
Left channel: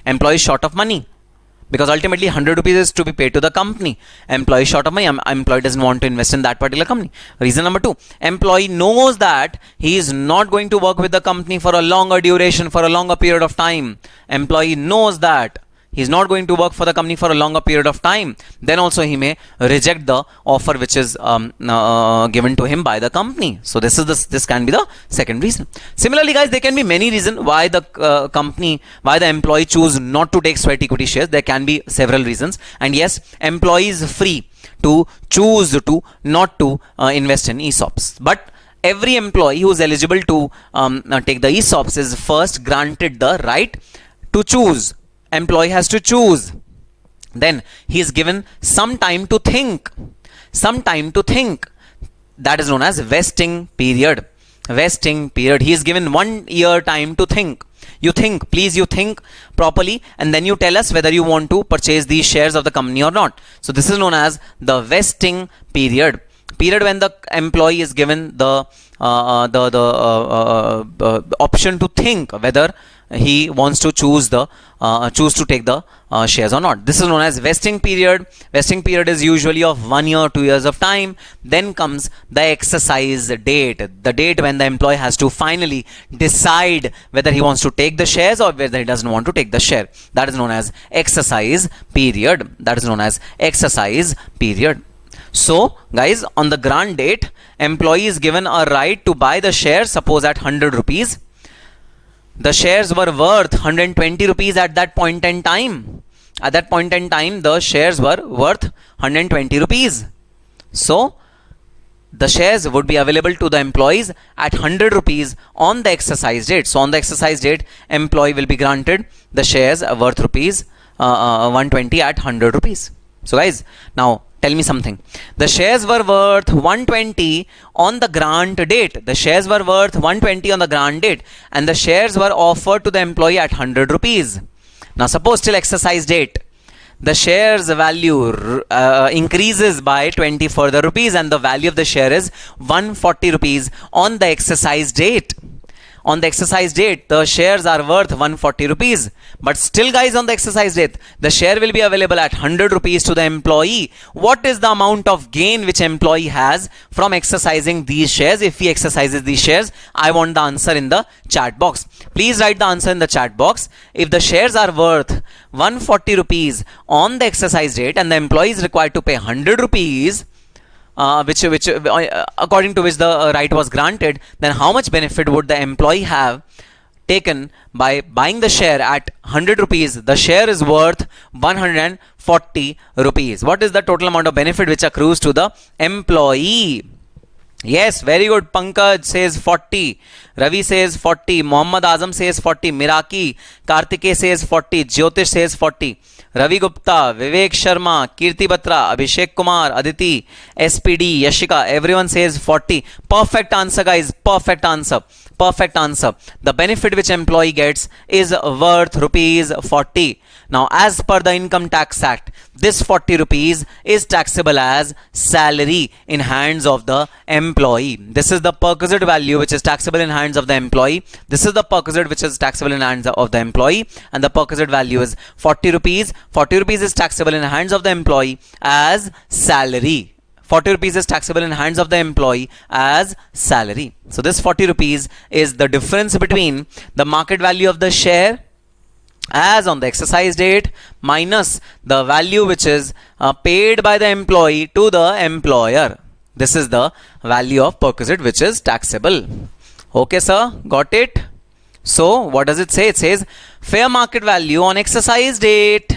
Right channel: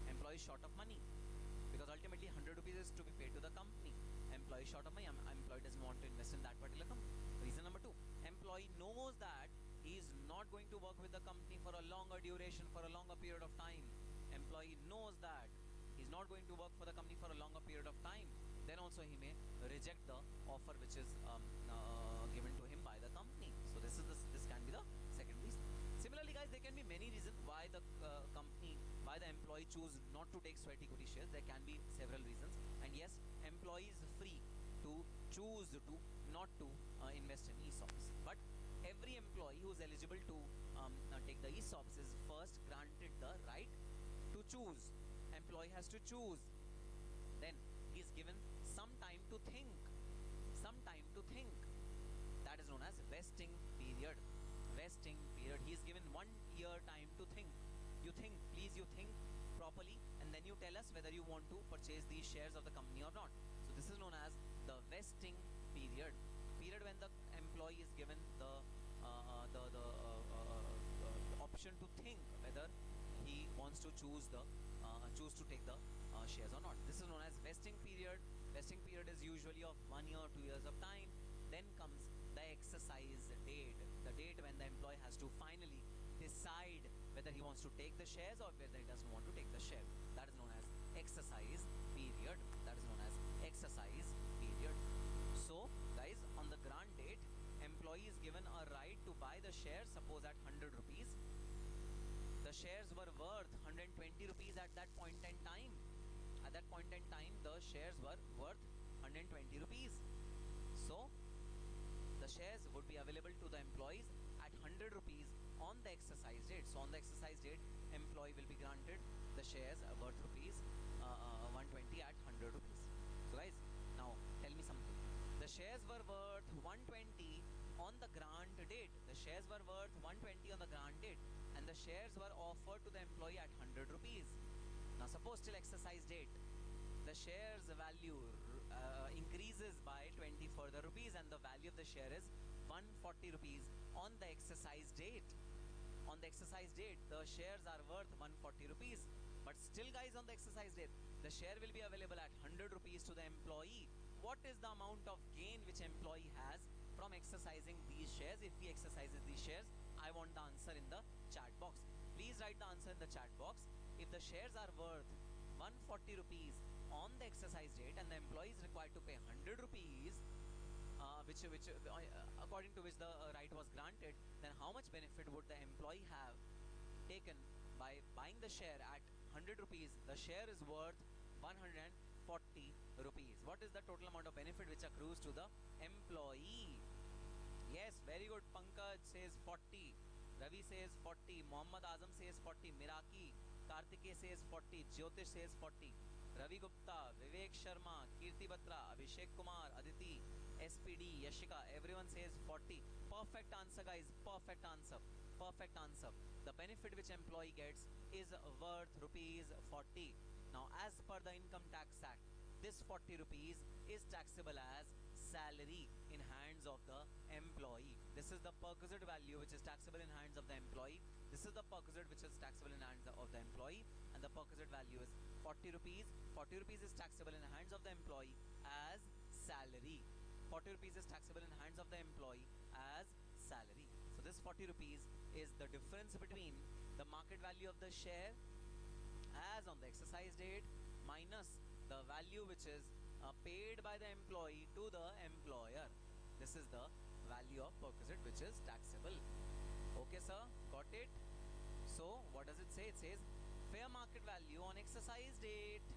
Employee is short of money. because ultimately 100 rupees is to be paid to the company. Employee short of money, employee doesn't want to invest in that particular company. Reason number 2, employee knows that he is not going to work with the company for a longer duration, for a longer period of time. Employee knows that he's not going to work for the company for a longer period of time. Then also he may reject the offer which is given to him by the company. So this can be the second reason. Similarly, guys, there can be many reasons why the why the employee choose not to take sweat equity shares. There can be several reasons, and yes, employee is free to choose to not to invest in ESOPs. But every employee who is eligible to take the ESOPs is first granted the right to choose. Employee has to choose. Then he is given some time to think. Some time to think. That is known as vesting period. Vesting period. He is given 1 year time to think. You think, please, you think properly, and then you tell us whether you want to purchase these shares of the company or not. So this is known as the vesting period. Period when the employee is given the option to think whether he wants to choose to take the shares or not. This is known as vesting period. Vesting period is usually of 1 year, 2 years of time. Then comes the exercise date, the date when the employee has to finally decide whether he wants to take the shares or whether he doesn't want to take the share. That is known as exercise period. That is known as exercise period. So guys, on the grant date, employee is given a right to buy the shares, suppose at 100 rupees. The shares were worth 120 rupees at that point in time. At that point in time, the shares were worth 120 rupees. So the shares would be available to the employees at 100 rupees on the exercise date. So on the exercise date, employee will be granted the shares worth rupees 120 at 100 rupees. So guys, now tell me something. The shares were worth 120 on the grant date. The shares were worth 120 on the grant date, and the shares were offered to the employee at 100 rupees. Now suppose till exercise date, the shares value increases by 20 further rupees, and the value of the share is 140 rupees on the exercise date. On the exercise date, the shares are worth 140 rupees. But still, guys, on the exercise date, the share will be available at 100 rupees to the employee. What is the amount of gain which employee has from exercising these shares? If he exercises these shares, I want the answer in the chat box. Please write the answer in the chat box. If the shares are worth 140 rupees on the exercise date and the employee is required to pay 100 rupees, according to which the right was granted, then how much benefit would the employee have taken by buying the share at 100 rupees? The share is worth 140 rupees. What is the total amount of benefit which accrues to the employee? Yes, very good. Pankaj says 40. Ravi says 40. Muhammad Azam says 40. Miraki. Kartike says 40. Jyotish says 40. Ravi Gupta, Vivek Sharma, Kirti Batra, Abhishek Kumar, Aditi, SPD, Yashika, everyone says 40. Perfect answer, guys. Perfect answer. Perfect answer. The benefit which employee gets is worth rupees 40. Now, as per the Income Tax Act, this 40 rupees is taxable as salary in hands of the employee. This is the perquisite value which is taxable in hands of the employee. This is the perquisite which is taxable in hands of the employee, and the perquisite value is 40 rupees. 40 rupees is taxable in hands of the employee as salary. 40 rupees is taxable in hands of the employee as salary. So this 40 rupees is the difference between the market value of the share as on the exercise date minus the value which is paid by the employee to the employer. This is the value of perquisite which is taxable. Okay, sir, got it? So what does it say? It says fair market value on exercise date.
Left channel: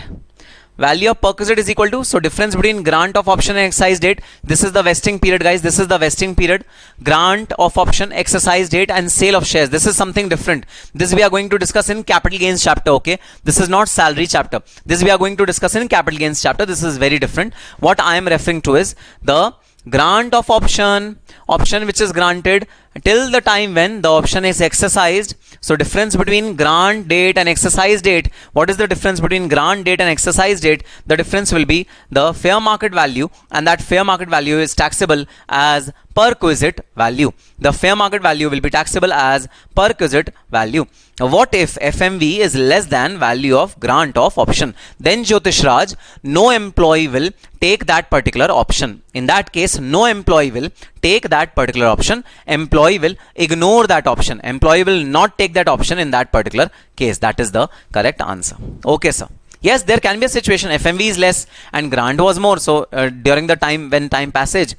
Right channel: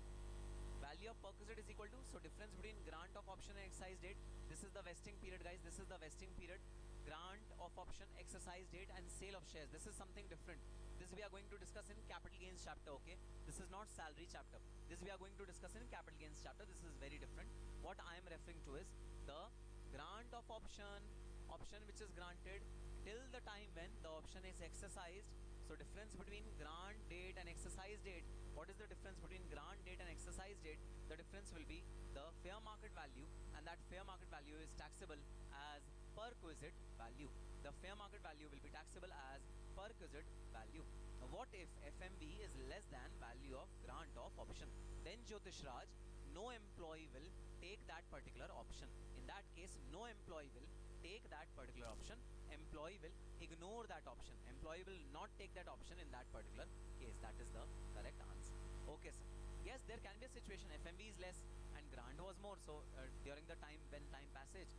Value of perquisite is equal to, so difference between grant of option and exercise date. This is the vesting period, guys. This is the vesting period. Grant of option, exercise date, and sale of shares. This is something different. This we are going to discuss in capital gains chapter, okay? This is not salary chapter. This we are going to discuss in capital gains chapter. This is very different. What I am referring to is the grant of option which is granted till the time when the option is exercised. So difference between grant date and exercise date. What is the difference between grant date and exercise date? The difference will be the fair market value, and that fair market value is taxable as perquisite value. The fair market value will be taxable as perquisite value. What if FMV is less than value of grant of option? Then Jyotish Raj, no employee will take that particular option. In that case, no employee will take that particular option. Employee will ignore that option. Employee will not take that option in that particular case. That is the correct answer. Okay, sir. Yes, there can be a situation FMV is less and grant was more. So during the time when time passed,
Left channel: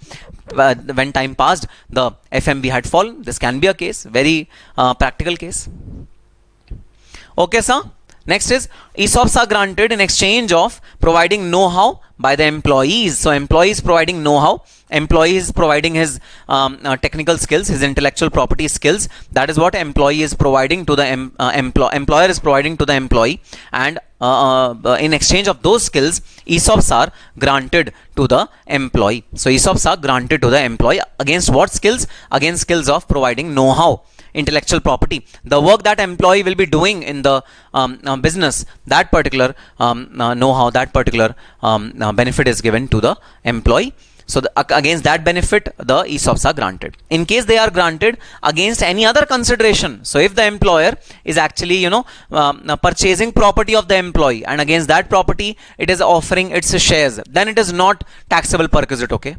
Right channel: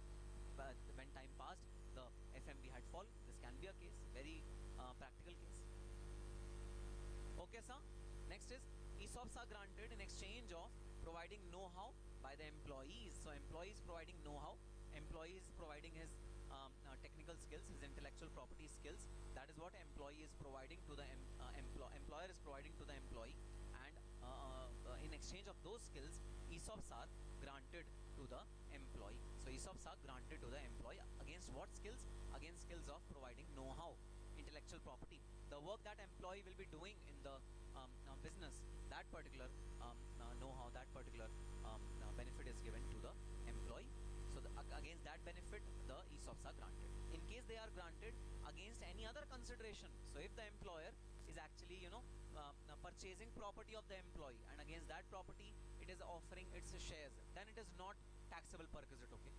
the FMV had fallen. This can be a case, very practical case. Okay, sir. Next is ESOPs are granted in exchange of providing know-how by the employees. So employees providing know-how, employee is providing his technical skills, his intellectual property skills. That is what employee is providing to the employer is providing to the employee, and in exchange of those skills, ESOPs are granted to the employee. So ESOPs are granted to the employee against what skills? Against skills of providing know-how, intellectual property, the work that employee will be doing in the business, that particular know-how, that particular benefit is given to the employee. So against that benefit, the ESOPs are granted. In case they are granted against any other consideration, so if the employer is actually purchasing property of the employee, and against that property it is offering its shares, then it is not taxable perquisite. Okay,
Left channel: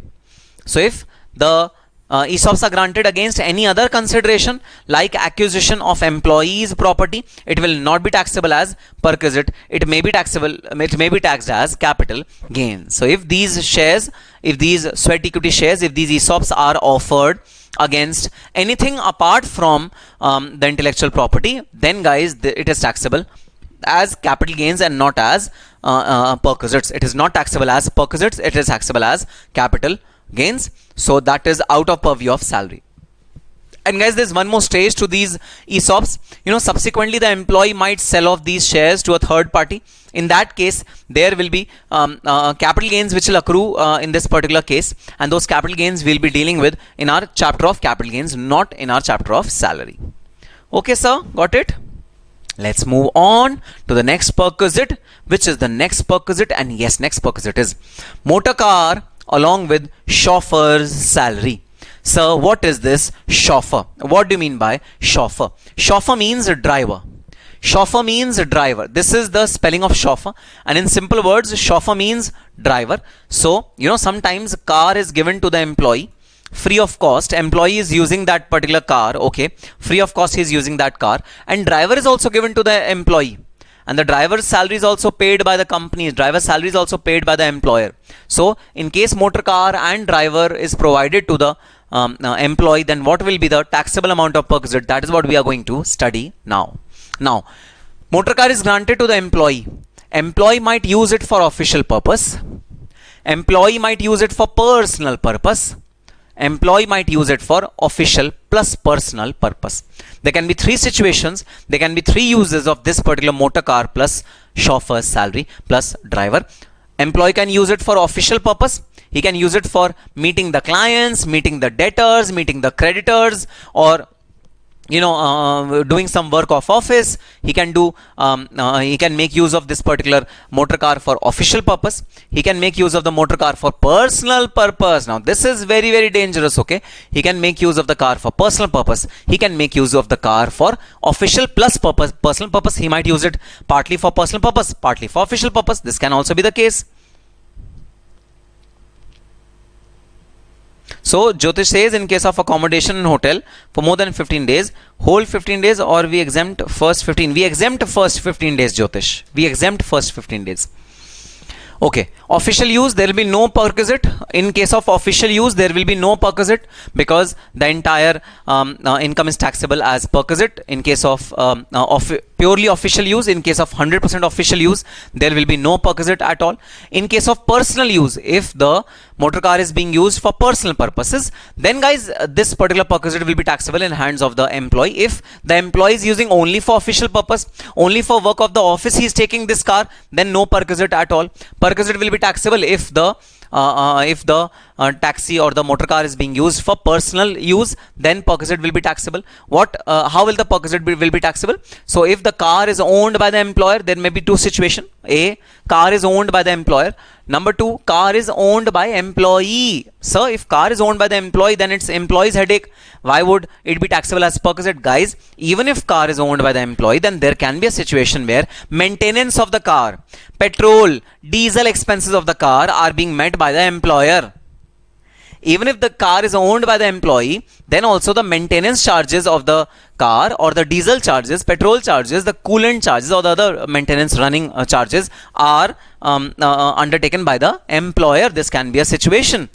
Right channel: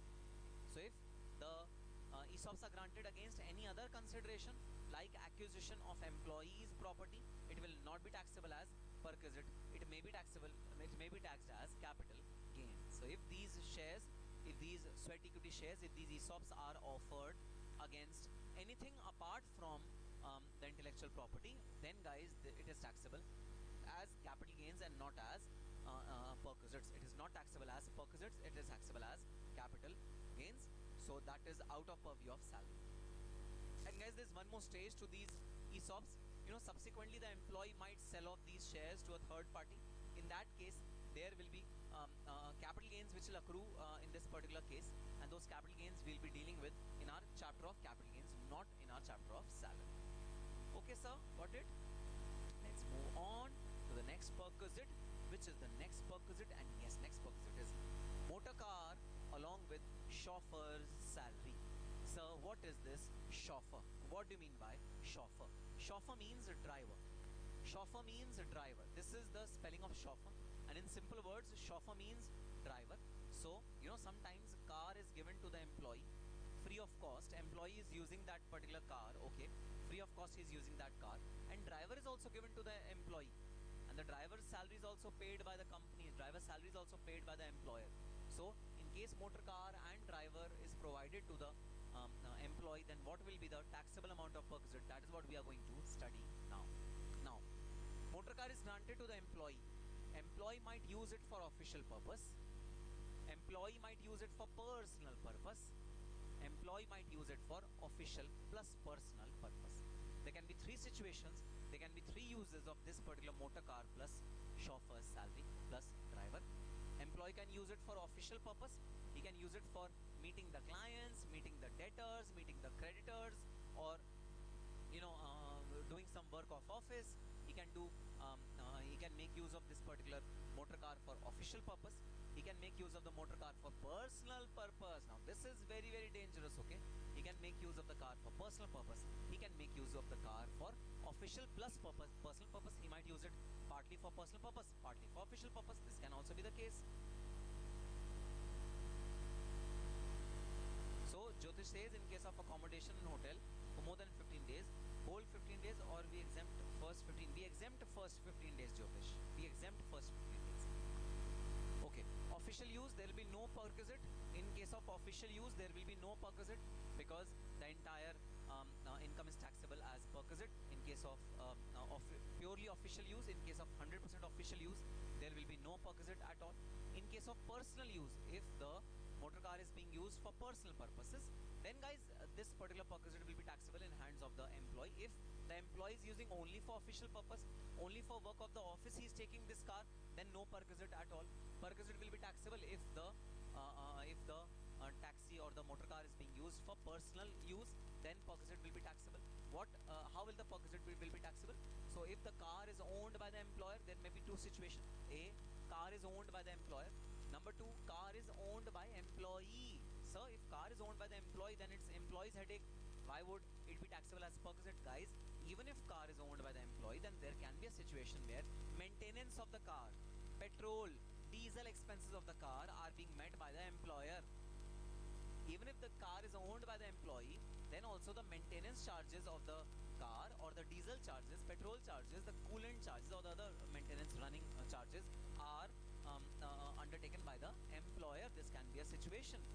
so if the ESOPs are granted against any other consideration like acquisition of employees' property, it will not be taxable as perquisite. It may be taxable. It may be taxed as capital gain. So if these shares, if these sweat equity shares, if these ESOPs are offered against anything apart from the intellectual property, then guys, it is taxable as capital gains and not as perquisites. It is not taxable as perquisites. It is taxable as capital gains. So that is out of purview of salary. And guys, there's one more stage to these ESOPs. Subsequently the employee might sell off these shares to a third party. In that case, there will be capital gains which will accrue in this particular case, and those capital gains we'll be dealing with in our chapter of capital gains, not in our chapter of salary. Okay, sir, got it? Let's move on to the next perquisite, which is the next perquisite, and yes, next perquisite is motor car along with chauffeur's salary. So what is this chauffeur? What do you mean by chauffeur? Chauffeur means a driver. Chauffeur means a driver. This is the spelling of chauffeur, and in simple words, chauffeur means driver. So sometimes a car is given to the employee free of cost. Employee is using that particular car, okay, free of cost he is using that car, and driver is also given to the employee. And the driver's salary is also paid by the company. Driver's salary is also paid by the employer. So in case motor car and driver is provided to the employee, then what will be the taxable amount of perquisite? That is what we are going to study now. Now, motor car is granted to the employee. Employee might use it for official purpose. Employee might use it for personal purpose. Employee might use it for official plus personal purpose. There can be three situations. There can be three uses of this particular motor car plus chauffeur's salary plus driver. Employee can use it for official purpose. He can use it for meeting the clients, meeting the debtors, meeting the creditors, or doing some work of office. He can do he can make use of this particular motor car for official purpose. He can make use of the motor car for personal purpose. Now this is very, very dangerous. Okay, he can make use of the car for personal purpose. He can make use of the car for official plus purpose. Personal purpose, he might use it partly for personal purpose, partly for official purpose. This can also be the case. So Jyotish says, in case of accommodation in hotel for more than 15 days, whole 15 days, or we exempt first 15. We exempt first 15 days, Jyotish. We exempt first 15 days. Okay, official use, there will be no perquisite. In case of official use, there will be no perquisite because the entire income is taxable as perquisite. In case of purely official use, in case of 100% official use, there will be no perquisite at all. In case of personal use, if the motor car is being used for personal purposes, then guys, this particular perquisite will be taxable in hands of the employee. If the employee is using only for official purpose, only for work of the office he is taking this car, then no perquisite at all. Perquisite will be taxable if the taxi or the motor car is being used for personal use, then perquisite will be taxable. How will the perquisite will be taxable? So if the car is owned by the employer, there may be two situations. A, car is owned by the employer. Number 2, car is owned by employee. Sir, if car is owned by the employee, then it's employee's headache. Why would it be taxable as perquisite? Guys, even if car is owned by the employee, then there can be a situation where maintenance of the car, petrol, diesel expenses of the car are being met by the employer. Even if the car is owned by the employee, then also the maintenance charges of the car or the diesel charges, petrol charges, the coolant charges or the other maintenance running charges are undertaken by the employer. This can be a situation.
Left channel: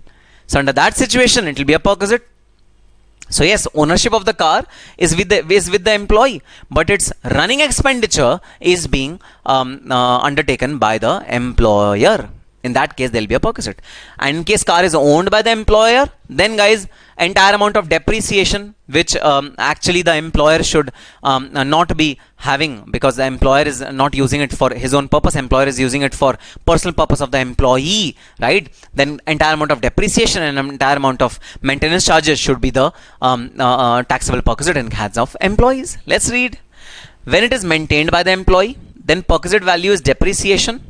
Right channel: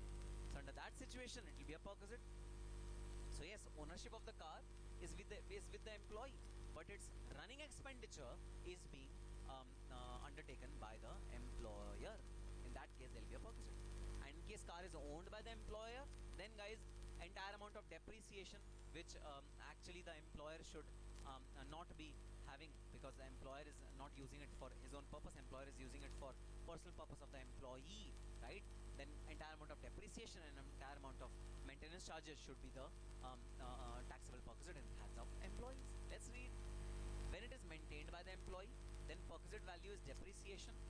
So under that situation, it will be a perquisite. So yes, ownership of the car is with the employee, but its running expenditure is being undertaken by the employer. In that case, there will be a perquisite. And in case car is owned by the employer, then guys, entire amount of depreciation, which actually the employer should not be having, because the employer is not using it for his own purpose, employer is using it for personal purpose of the employee, right? Then entire amount of depreciation and entire amount of maintenance charges should be the taxable perquisite in hands of employees. Let's read. When it is maintained by the employee, then perquisite value is depreciation,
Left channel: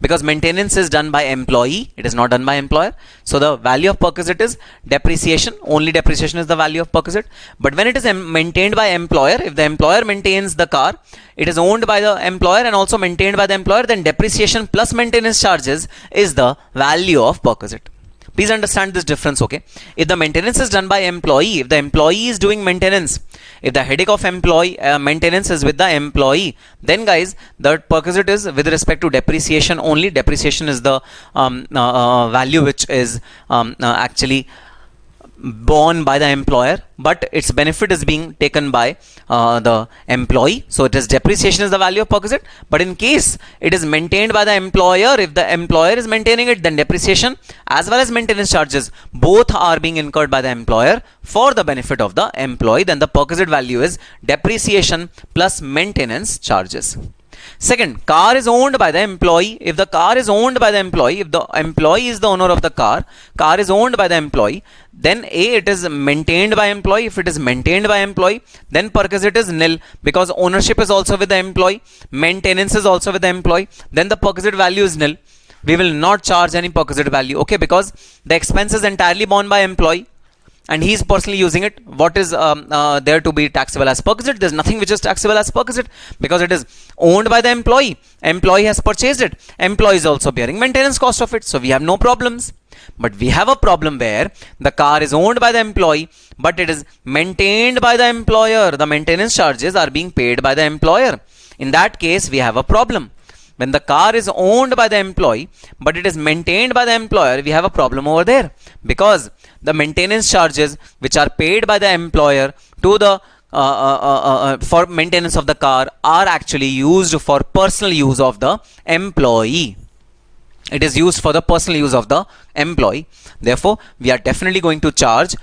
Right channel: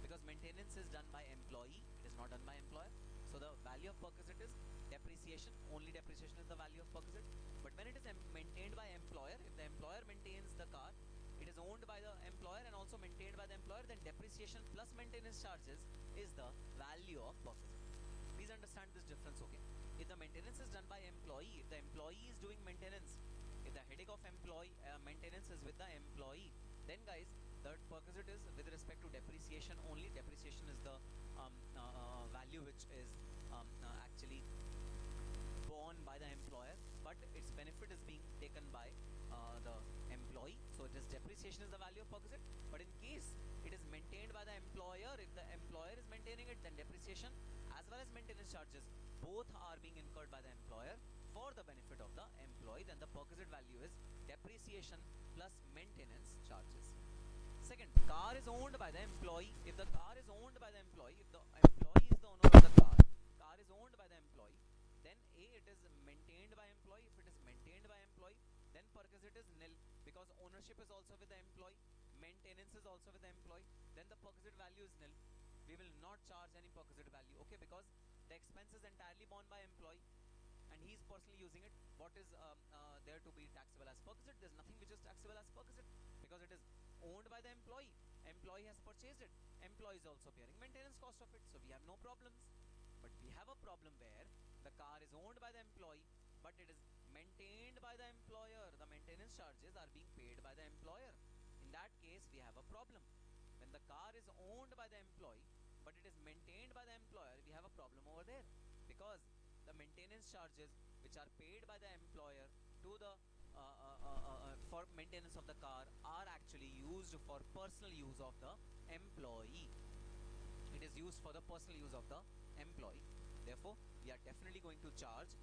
because maintenance is done by employee, it is not done by employer. So the value of perquisite is depreciation. Only depreciation is the value of perquisite. But when it is maintained by employer, if the employer maintains the car, it is owned by the employer and also maintained by the employer, then depreciation plus maintenance charges is the value of perquisite. Please understand this difference, okay? If the maintenance is done by employee, if the employee is doing maintenance, if the headache of employee maintenance is with the employee, then guys, the perquisite is with respect to depreciation only. Depreciation is the value which is actually borne by the employer, but its benefit is being taken by the employee. So it is depreciation is the value of perquisite. But in case it is maintained by the employer, if the employer is maintaining it, then depreciation as well as maintenance charges both are being incurred by the employer for the benefit of the employee. Then the perquisite value is depreciation plus maintenance charges. Second, car is owned by the employee. If the car is owned by the employee, if the employee is the owner of the car is owned by the employee, then A, it is maintained by employee. If it is maintained by employee, then perquisite is nil, because ownership is also with the employee, maintenance is also with the employee, then the perquisite value is nil. We will not charge any perquisite value, okay, because the expense is entirely borne by employee and he is personally using it. What is there to be taxable as perquisite? There is nothing which is taxable as perquisite, because it is owned by the employee. Employee has purchased it. Employee is also bearing maintenance cost of it. So we have no problems. But we have a problem where the car is owned by the employee, but it is maintained by the employer. The maintenance charges are being paid by the employer. In that case, we have a problem. When the car is owned by the employee, but it is maintained by the employer, we have a problem over there, because the maintenance charges which are paid by the employer to the for maintenance of the car are actually used for personal use of the employee. It is used for the personal use of the employee. Therefore, we are definitely going to charge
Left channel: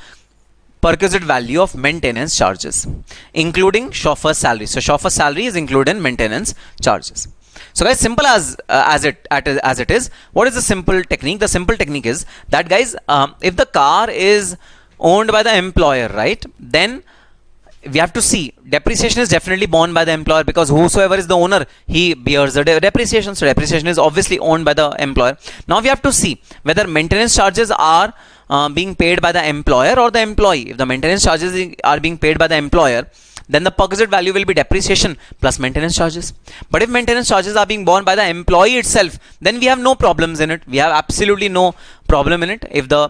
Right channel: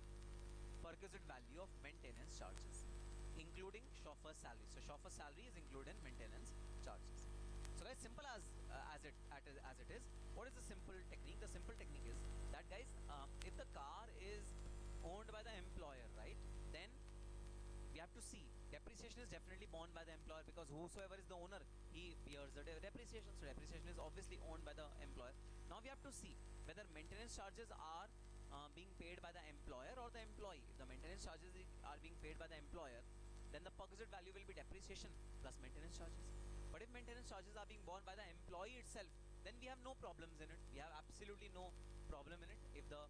perquisite value of maintenance charges, including chauffeur's salary. So chauffeur's salary is included in maintenance charges. So guys, simple as it is, what is the simple technique? The simple technique is that, guys, if the car is owned by the employer, right, then we have to see depreciation is definitely borne by the employer, because whosoever is the owner, he bears the depreciation. So depreciation is obviously owned by the employer. Now we have to see whether maintenance charges are being paid by the employer or the employee. If the maintenance charges are being paid by the employer, then the perquisite value will be depreciation plus maintenance charges. But if maintenance charges are being borne by the employee itself, then we have no problems in it. We have absolutely no problem in it. If the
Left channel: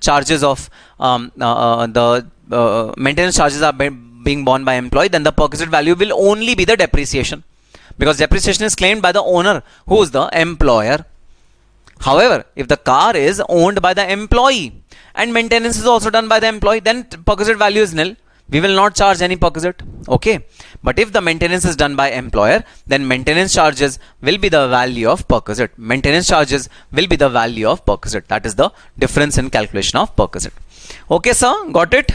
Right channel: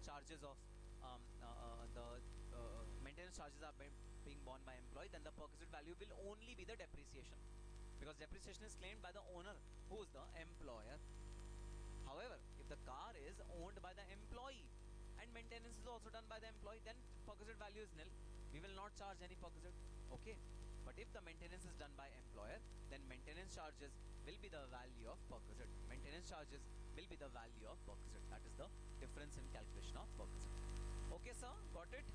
charges of the maintenance charges are being borne by employee, then the perquisite value will only be the depreciation, because depreciation is claimed by the owner, who is the employer. However, if the car is owned by the employee and maintenance is also done by the employee, then perquisite value is nil. We will not charge any perquisite, okay? But if the maintenance is done by employer, then maintenance charges will be the value of perquisite. Maintenance charges will be the value of perquisite. That is the difference in calculation of perquisite. Okay, sir, got it?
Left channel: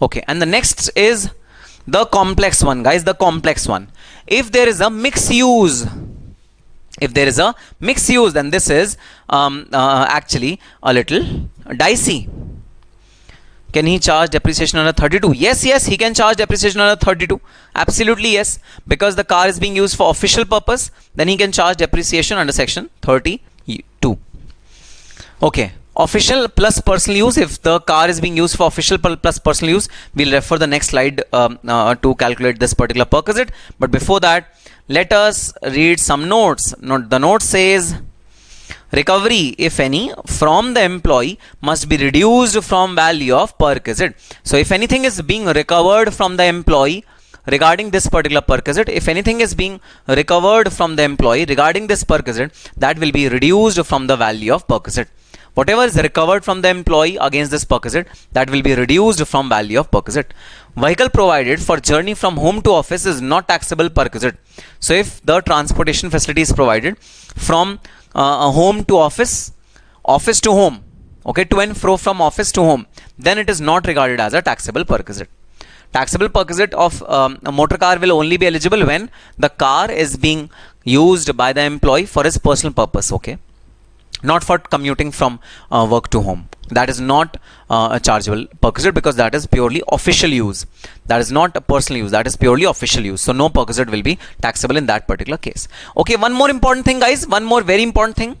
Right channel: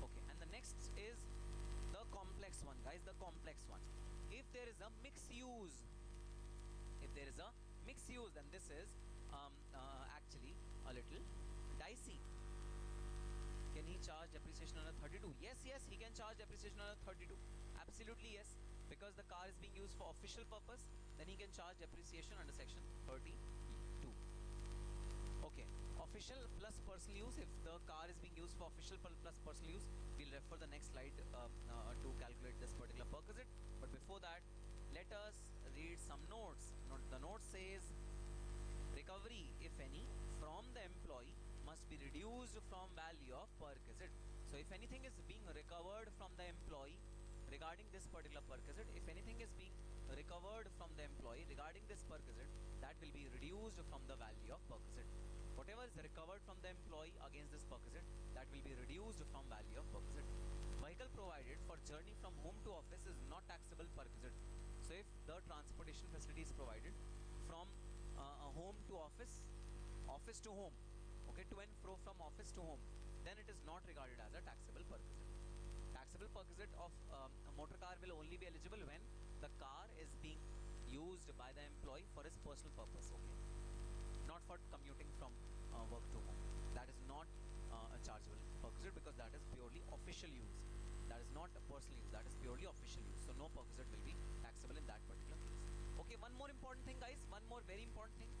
Okay, and the next is the complex one, guys, the complex one. If there is a mixed use, then this is actually a little dicey. Can he charge depreciation under 32? Yes, he can charge depreciation under 32. Absolutely yes. Because the car is being used for official purpose, then he can charge depreciation under section 32. Okay. Official plus personal use. If the car is being used for official plus personal use, we'll refer the next slide to calculate this particular perquisite. But before that, let us read some notes. The note says, recovery, if any, from the employee must be reduced from value of perquisite. So if anything is being recovered from the employee regarding this particular perquisite, if anything is being recovered from the employee regarding this perquisite, that will be reduced from the value of perquisite. Whatever is recovered from the employee against this perquisite, that will be reduced from value of perquisite. Vehicle provided for journey from home to office is not taxable perquisite. So if the transportation facility is provided from home to office, office to home, okay, to and fro from office to home, then it is not regarded as a taxable perquisite. Taxable perquisite of a motor car will only be eligible when the car is being used by the employee for his personal purpose, okay, not for commuting from work to home. That is not a chargeable perquisite because that is purely official use. That is not a personal use. That is purely official use. So no perquisite will be taxable in that particular case. Okay, one more important thing, guys. One more very important thing.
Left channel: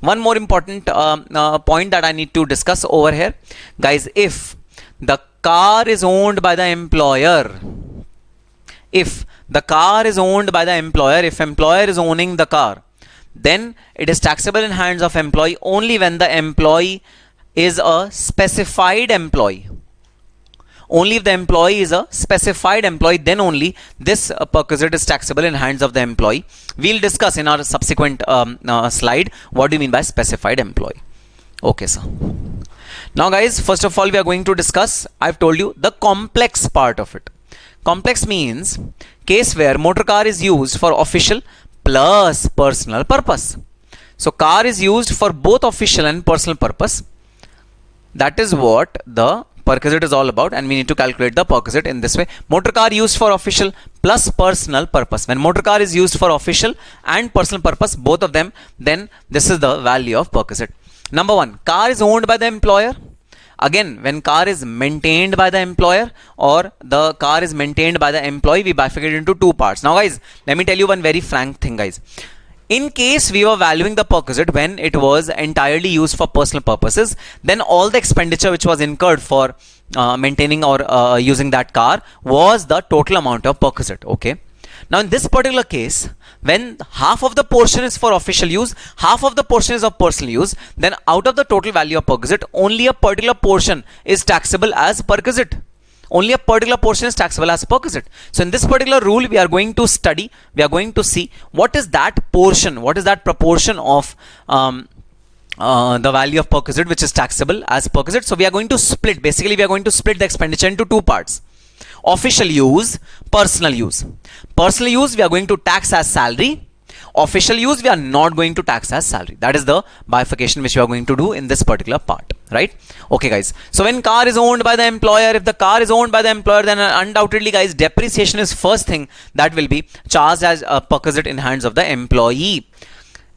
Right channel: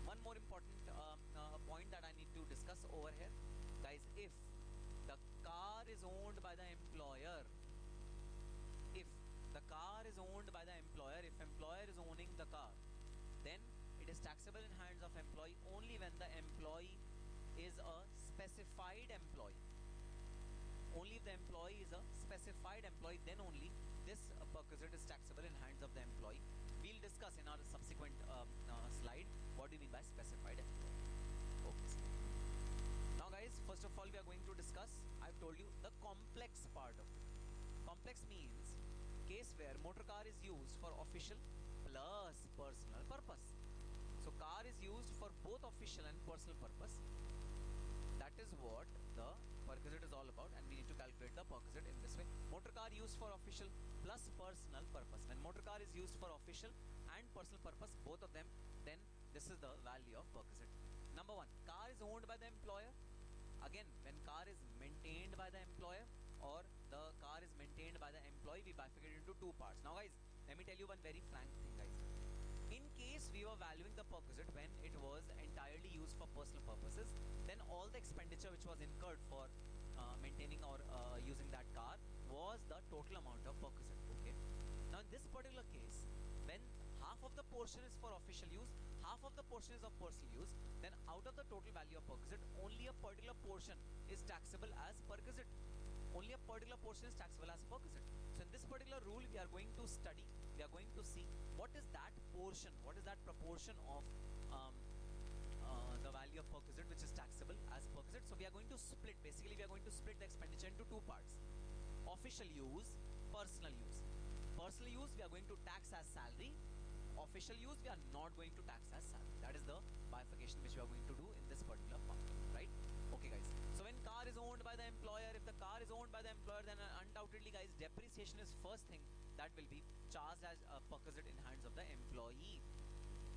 One more important point that I need to discuss over here. Guys, if the car is owned by the employer, if the car is owned by the employer, if employer is owning the car, then it is taxable in hands of employee only when the employee is a specified employee. Only if the employee is a specified employee, then only this perquisite is taxable in hands of the employee. We'll discuss in our subsequent slide what do you mean by specified employee. Okay, sir. Now guys, first of all we are going to discuss, I've told you, the complex part of it. Complex means case where motor car is used for official plus personal purpose. So car is used for both official and personal purpose. That is what the perquisite is all about, and we need to calculate the perquisite in this way. Motor car used for official plus personal purpose. When motor car is used for official and personal purpose, both of them, then this is the value of perquisite. Number one, car is owned by the employer. Again, when car is maintained by the employer or the car is maintained by the employee, we bifurcate into two parts. Now guys, let me tell you one very frank thing, guys. In case we were valuing the perquisite when it was entirely used for personal purposes, then all the expenditure which was incurred for maintaining or using that car was the total amount of perquisite, okay. Now in this particular case, when half of the portion is for official use, half of the portion is of personal use, then out of the total value of perquisite, only a particular portion is taxable as perquisite. Only a particular portion is taxable as perquisite. So in this particular rule, we are going to study, we are going to see what is that portion, what is that proportion of the value of perquisite which is taxable as perquisite. So we are going to split, basically we are going to split the expenditure into two parts. Official use, personal use. Personal use we are going to tax as salary. Official use we are not going to tax as salary. That is the bifurcation which we are going to do in this particular part, right? Okay guys, so when car is owned by the employer, if the car is owned by the employer, then undoubtedly guys, depreciation is first thing that will be charged as a perquisite in hands of the employee.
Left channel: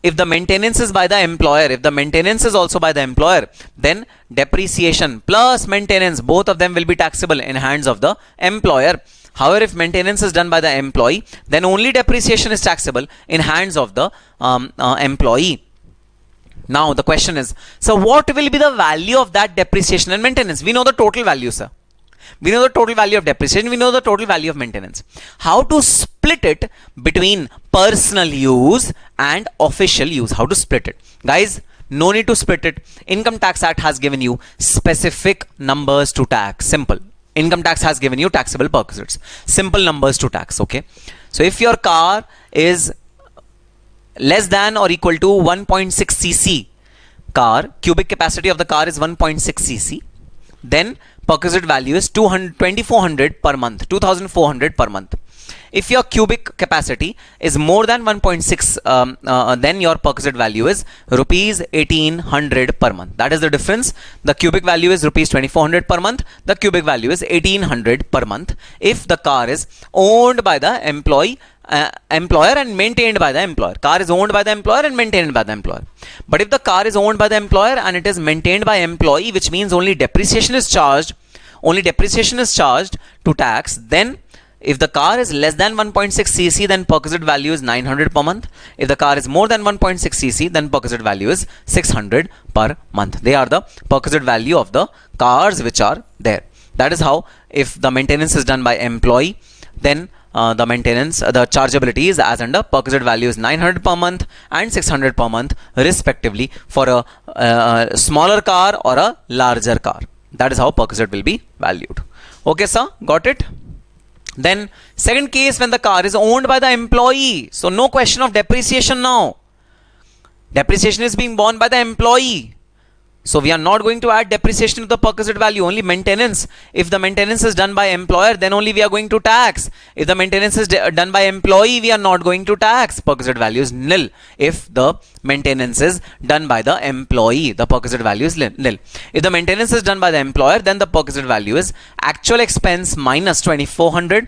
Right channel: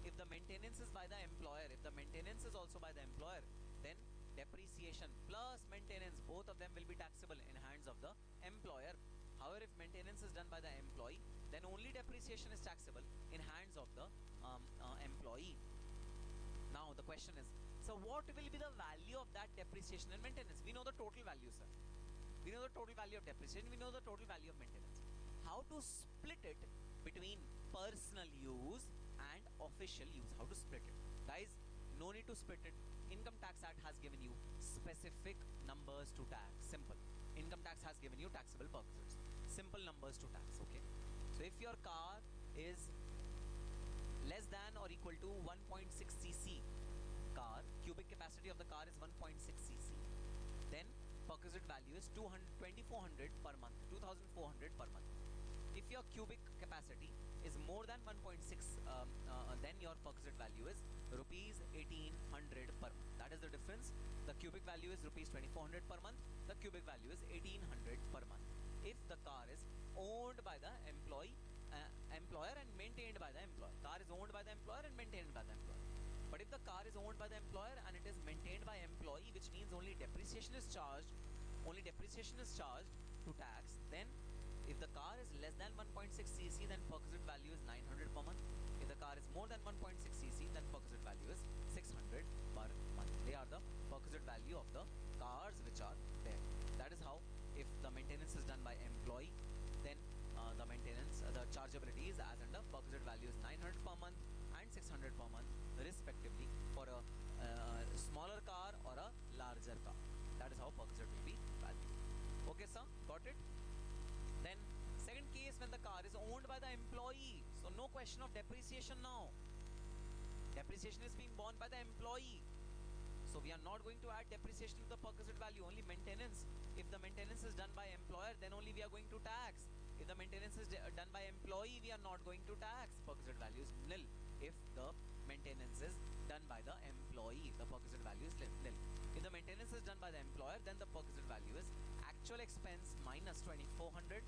If the maintenance is by the employer, if the maintenance is also by the employer, then depreciation plus maintenance, both of them will be taxable in hands of the employer. However, if maintenance is done by the employee, then only depreciation is taxable in hands of the employee. Now the question is, so what will be the value of that depreciation and maintenance? We know the total value, sir. We know the total value of depreciation. We know the total value of maintenance. How to split it between personal use and official use? How to split it? Guys, no need to split it. Income Tax Act has given you specific numbers to tax. Simple. Income tax has given you taxable perquisites. Simple numbers to tax, okay? So if your car is less than or equal to 1.6 cc car, cubic capacity of the car is 1.6 cc, then perquisite value is 2400 per month, 2400 per month. If your cubic capacity is more than 1.6, then your perquisite value is rupees 1800 per month. That is the difference. The cubic value is rupees 2400 per month. The cubic value is 1800 per month. If the car is owned by the employer and maintained by the employer. Car is owned by the employer and maintained by the employer. But if the car is owned by the employer and it is maintained by employee, which means only depreciation is charged, only depreciation is charged to tax. Then if the car is less than 1.6 cc, then perquisite value is 900 per month. If the car is more than 1.6 cc, then perquisite value is 600 per month. They are the perquisite value of the cars which are there. That is how, if the maintenance is done by employee, then the maintenance, the chargeability is as under perquisite value is 900 per month and 600 per month respectively for a smaller car or a larger car. That is how perquisite will be valued. Okay, sir, got it? Then second case, when the car is owned by the employee. So no question of depreciation now. Depreciation is being borne by the employee. So we are not going to add depreciation to the perquisite value, only maintenance. If the maintenance is done by employer, then only we are going to tax. If the maintenance is done by employee, we are not going to tax. Perquisite value is nil. If the maintenance is done by the employee, the perquisite value is nil. If the maintenance is done by the employer, then the perquisite value is actual expense minus 2400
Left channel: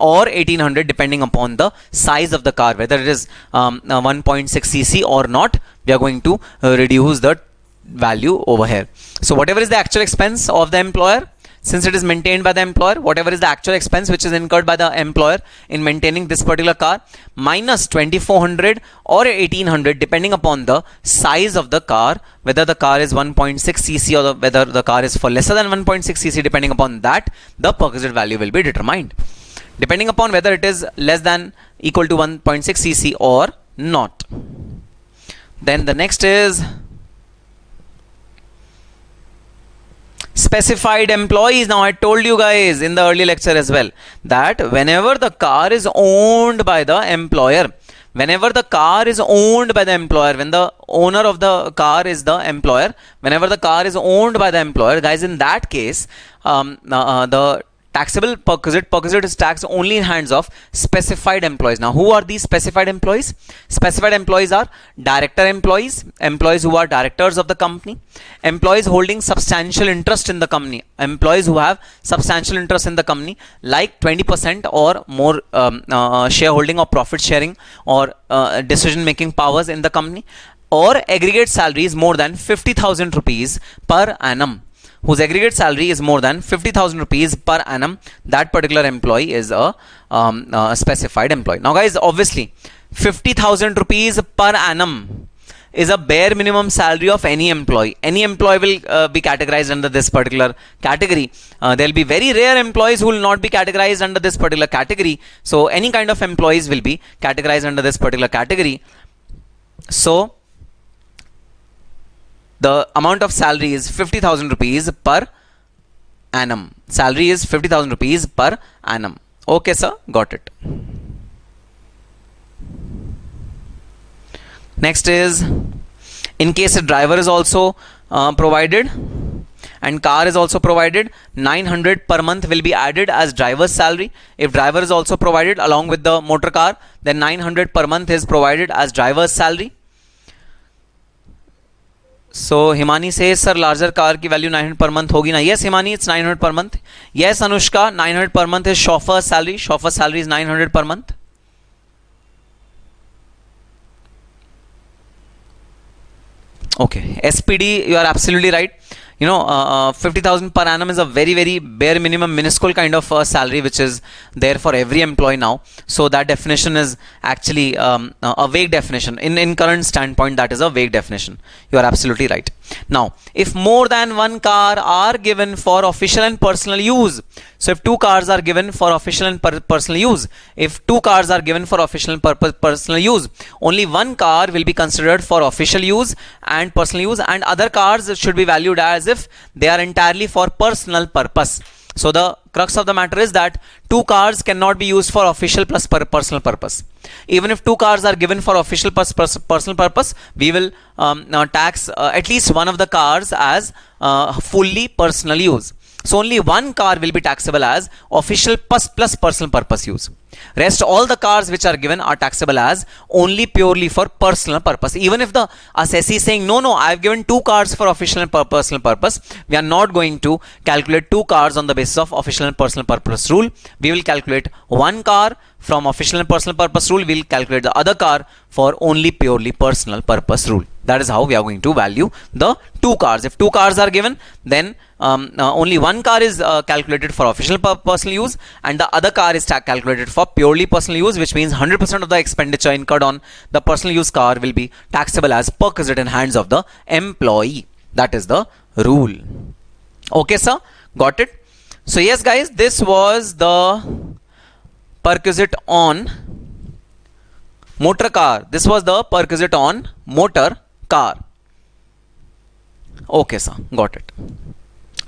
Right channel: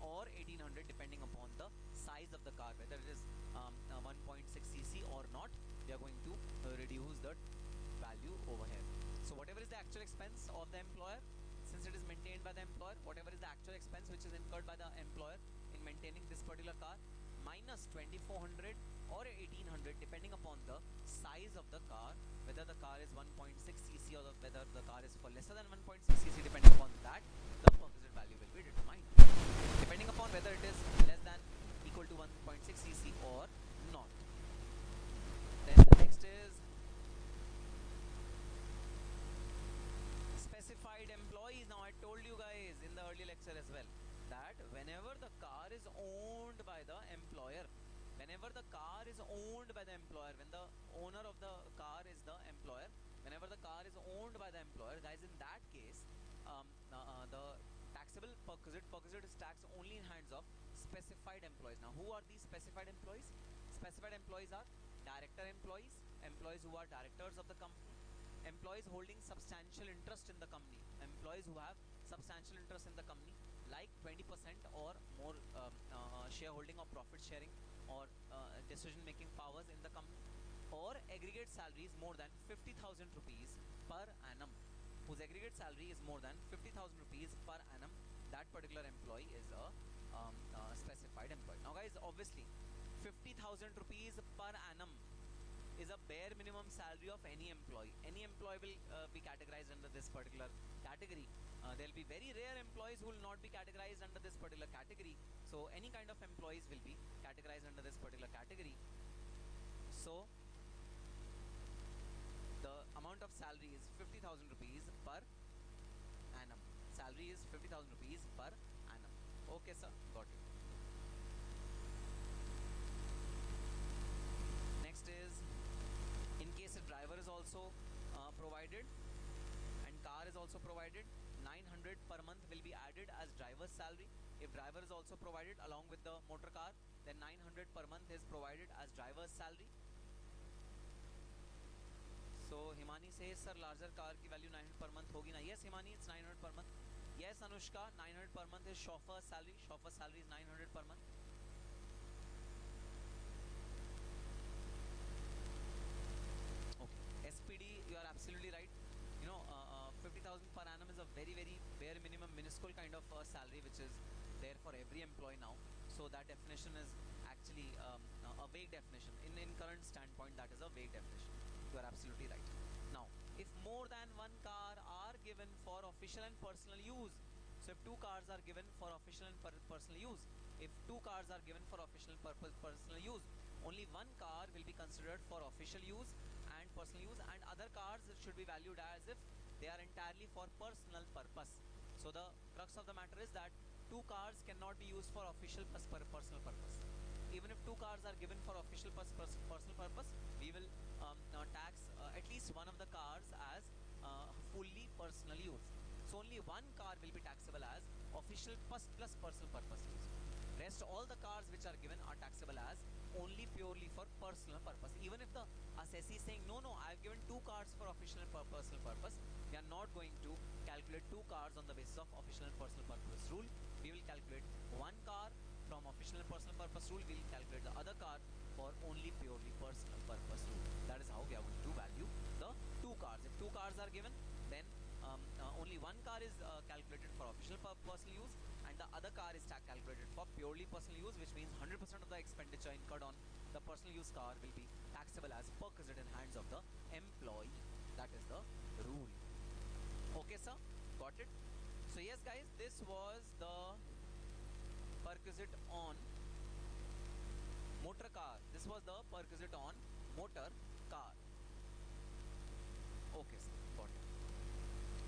or 1800 depending upon the size of the car, whether it is 1.6 cc or not. We are going to reduce the value over here. So whatever is the actual expense of the employer, since it is maintained by the employer, whatever is the actual expense which is incurred by the employer in maintaining this particular car, minus 2400 or 1800 depending upon the size of the car, whether the car is 1.6 cc or whether the car is for lesser than 1.6 cc, depending upon that the perquisite value will be determined, depending upon whether it is less than equal to 1.6 cc or not. Then the next is specified employees. Now I told you guys in the earlier lecture as well that whenever the car is owned by the employer, when the owner of the car is the employer, whenever the car is owned by the employer, guys, in that case the taxable perquisite is taxed only in hands of specified employees. Now who are these specified employees? Specified employees are director employees, employees who are directors of the company, employees holding substantial interest in the company, employees who have substantial interest in the company like 20% or more shareholding or profit sharing or decision making powers in the company, or aggregate salary is more than 50,000 rupees per annum, whose aggregate salary is more than 50,000 rupees per annum. That particular employee is a specified employee. Now guys, obviously 50,000 rupees per annum is a bare minimum salary of any employee. Any employee will be categorized under this particular category. There will be very rare employees who will not be categorized under this particular category. So any kind of employees will be categorized under this particular category. So the amount of salary is 50,000 rupees per annum. Salary is 50,000 rupees per annum. Okay, sir, got it. Next is, in case a driver is also provided and car is also provided, 900 per month will be added as driver's salary. If driver is also provided along with the motor car, then 900 per month is provided as driver's salary. So Himani says, sir, larger car की value 900 per month होगी ना? Yes, Himani, it's 900 per month. Yes, Anushka, 900 per month is chauffeur's salary. Chauffeur's salary is 900 per month. Okay, SPD, you are absolutely right. You know, 50,000 per annum is a very, very bare minimum, minuscule kind of salary which is there for every employee now. So that definition is actually a vague definition. In current standpoint, that is a vague definition. You are absolutely right. Now, if more than one car are given for official and personal use, so if two cars are given for official and personal use, personal use, only one car will be considered for official use and personal use, and other cars should be valued as if they are entirely for personal purpose. So the crux of the matter is that two cars cannot be used for official plus personal purpose. Even if two cars are given for official plus personal purpose, we will tax at least one of the cars as fully personal use. So only one car will be taxable as official plus personal purpose use. Rest all the cars which are given are taxable as only purely for personal purpose. Even if the assessee is saying, no, I have given two cars for official and personal purpose, we are not going to calculate two cars on the basis of official and personal purpose rule. We will calculate one car from official and personal purpose rule. We will calculate the other car for only purely personal purpose rule. That is how we are going to value the two cars. If two cars are given, then only one car is calculated for official personal use, and the other car is calculated for purely personal use, which means 100% of the expenditure incurred on the personal use car will be taxable as perquisite in hands of the employee. That is the rule. Okay, sir, got it? So yes, guys, this was the perquisite on motor car. This was the perquisite on motor car. Okay, sir, got it.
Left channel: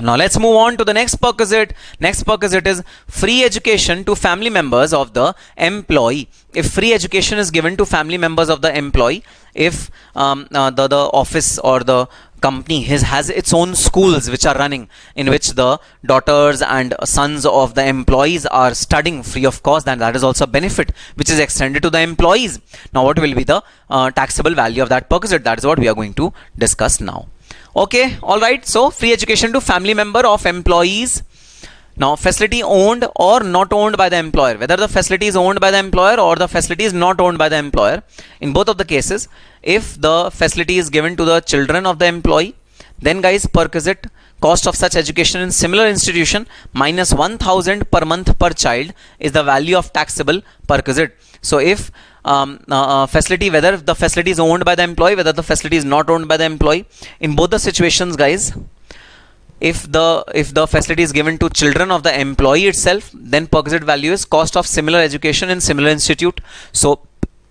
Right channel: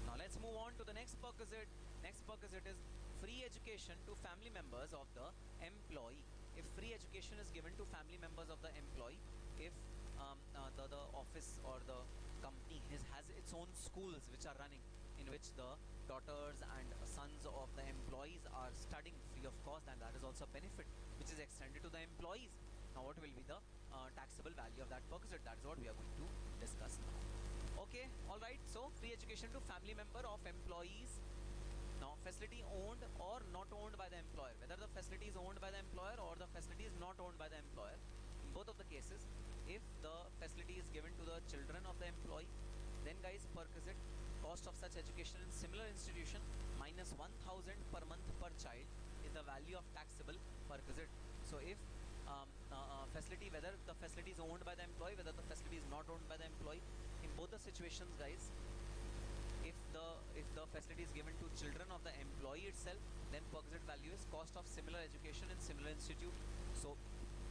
Now let's move on to the next perquisite. Next perquisite is free education to family members of the employee. If free education is given to family members of the employee, if the office or the company has its own schools which are running, in which the daughters and sons of the employees are studying free of cost, then that is also a benefit which is extended to the employees. Now what will be the taxable value of that perquisite? That is what we are going to discuss now. Okay, all right. So free education to family member of employees. Now facility owned or not owned by the employer, whether the facility is owned by the employer or the facility is not owned by the employer, in both of the cases, if the facility is given to the children of the employee, then guys, perquisite cost of such education in similar institution minus 1000 per month per child is the value of taxable perquisite. So if facility, whether the facility is owned by the employee, whether the facility is not owned by the employee, in both the situations, guys, if the facility is given to children of the employee itself, then perquisite value is cost of similar education in similar institute. So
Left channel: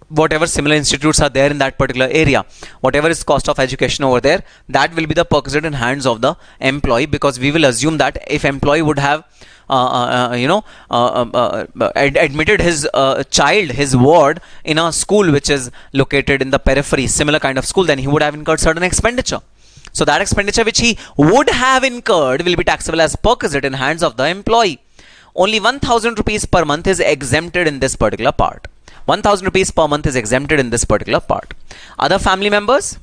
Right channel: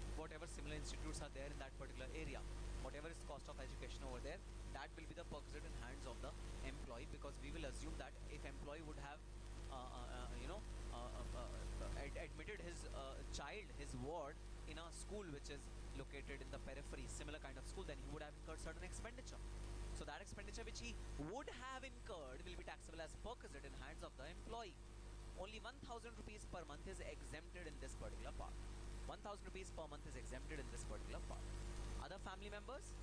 whatever similar institutes are there in that particular area, whatever is cost of education over there, that will be the perquisite in hands of the employee, because we will assume that if employee would have admitted his child, his ward, in a school which is located in the periphery, similar kind of school, then he would have incurred certain expenditure. So that expenditure which he would have incurred will be taxable as perquisite in hands of the employee. Only 1000 rupees per month is exempted in this particular part. 1000 rupees per month is exempted in this particular part. Other family members,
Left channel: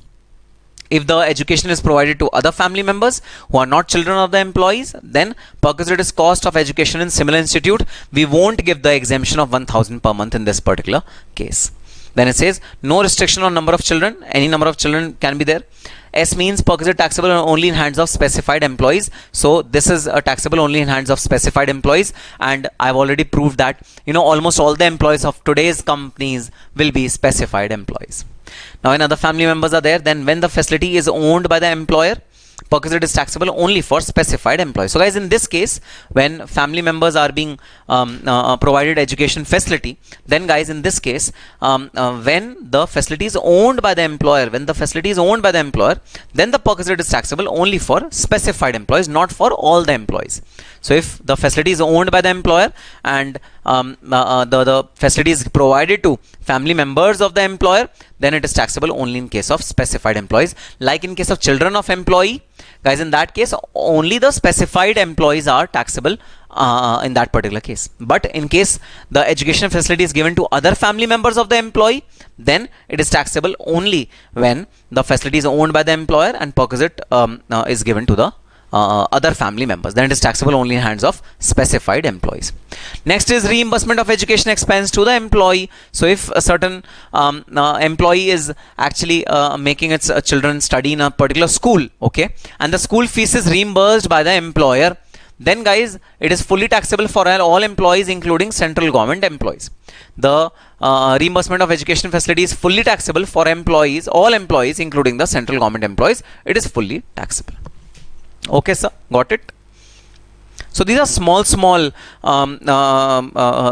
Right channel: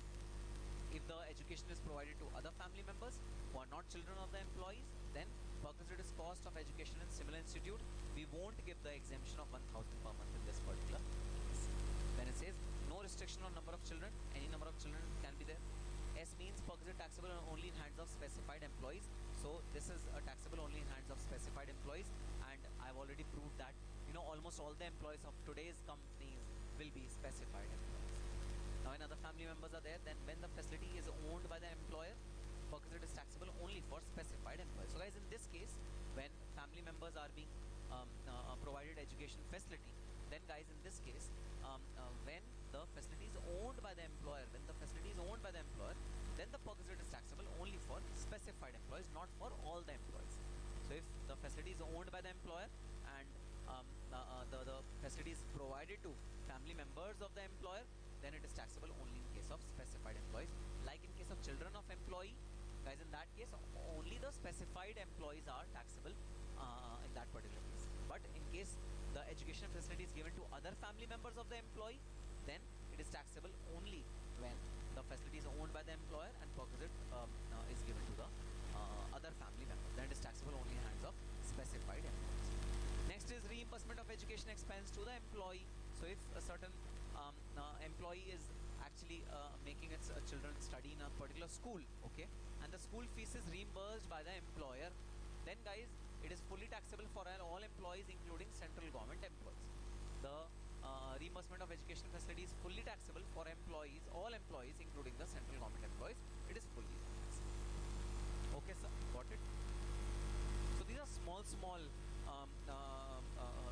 if the education is provided to other family members who are not children of the employees, then perquisite is cost of education in similar institute. We won't give the exemption of 1000 per month in this particular case. Then it says no restriction on number of children. Any number of children can be there. S means perquisite taxable only in hands of specified employees. So this is taxable only in hands of specified employees, and I've already proved that almost all the employees of today's companies will be specified employees. Now when other family members are there, then when the facility is owned by the employer, perquisite is taxable only for specified employees. So guys, in this case, when family members are being provided education facility, then guys, in this case, when the facility is owned by the employer, then the perquisite is taxable only for specified employees, not for all the employees. So if the facility is owned by the employer and the facility is provided to family members of the employer, then it is taxable only in case of specified employees. Like in case of children of employee, guys, in that case only the specified employees are taxable in that particular case. But in case the education facility is given to other family members of the employee, then it is taxable only when the facility is owned by the employer and perquisite is given to the other family members. Then it is taxable only in hands of specified employees. Next is reimbursement of education expense to the employee. So if a certain employee is actually making its children study in a particular school, okay, and the school fees is reimbursed by the employer, then guys, it is fully taxable for all employees, including central government employees. The reimbursement of education facility is fully taxable for employees, all employees, including the central government employees. It is fully taxable. Okay, sir, got it? So these are small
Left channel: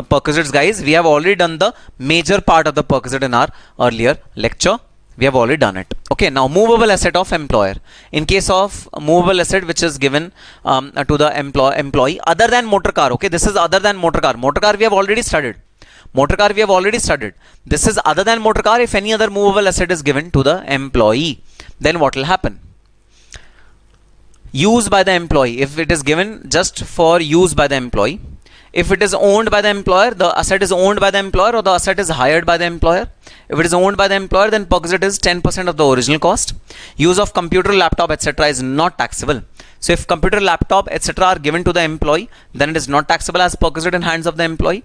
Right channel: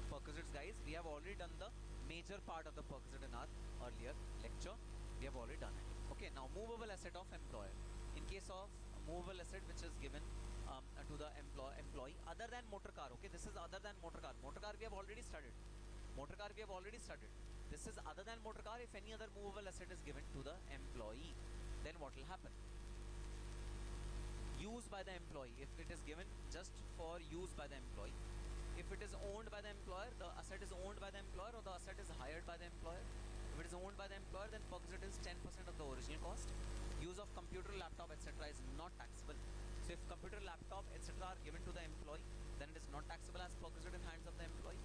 perquisites, guys. We have already done the major part of the perquisite in our earlier lecture. We have already done it. Okay, now movable asset of employer. In case of movable asset which is given to the employee other than motor car. Okay, this is other than motor car. Motor car we have already studied. This is other than motor car. If any other movable asset is given to the employee, then what will happen? Use by the employee. If it is given just for use by the employee, if it is owned by the employer, the asset is owned by the employer, or the asset is hired by the employer. If it is owned by the employer, then perquisite is 10% of the original cost. Use of computer, laptop, etc. is not taxable. So if computer, laptop, etc. are given to the employee, then it is not taxable as perquisite in hands of the employee.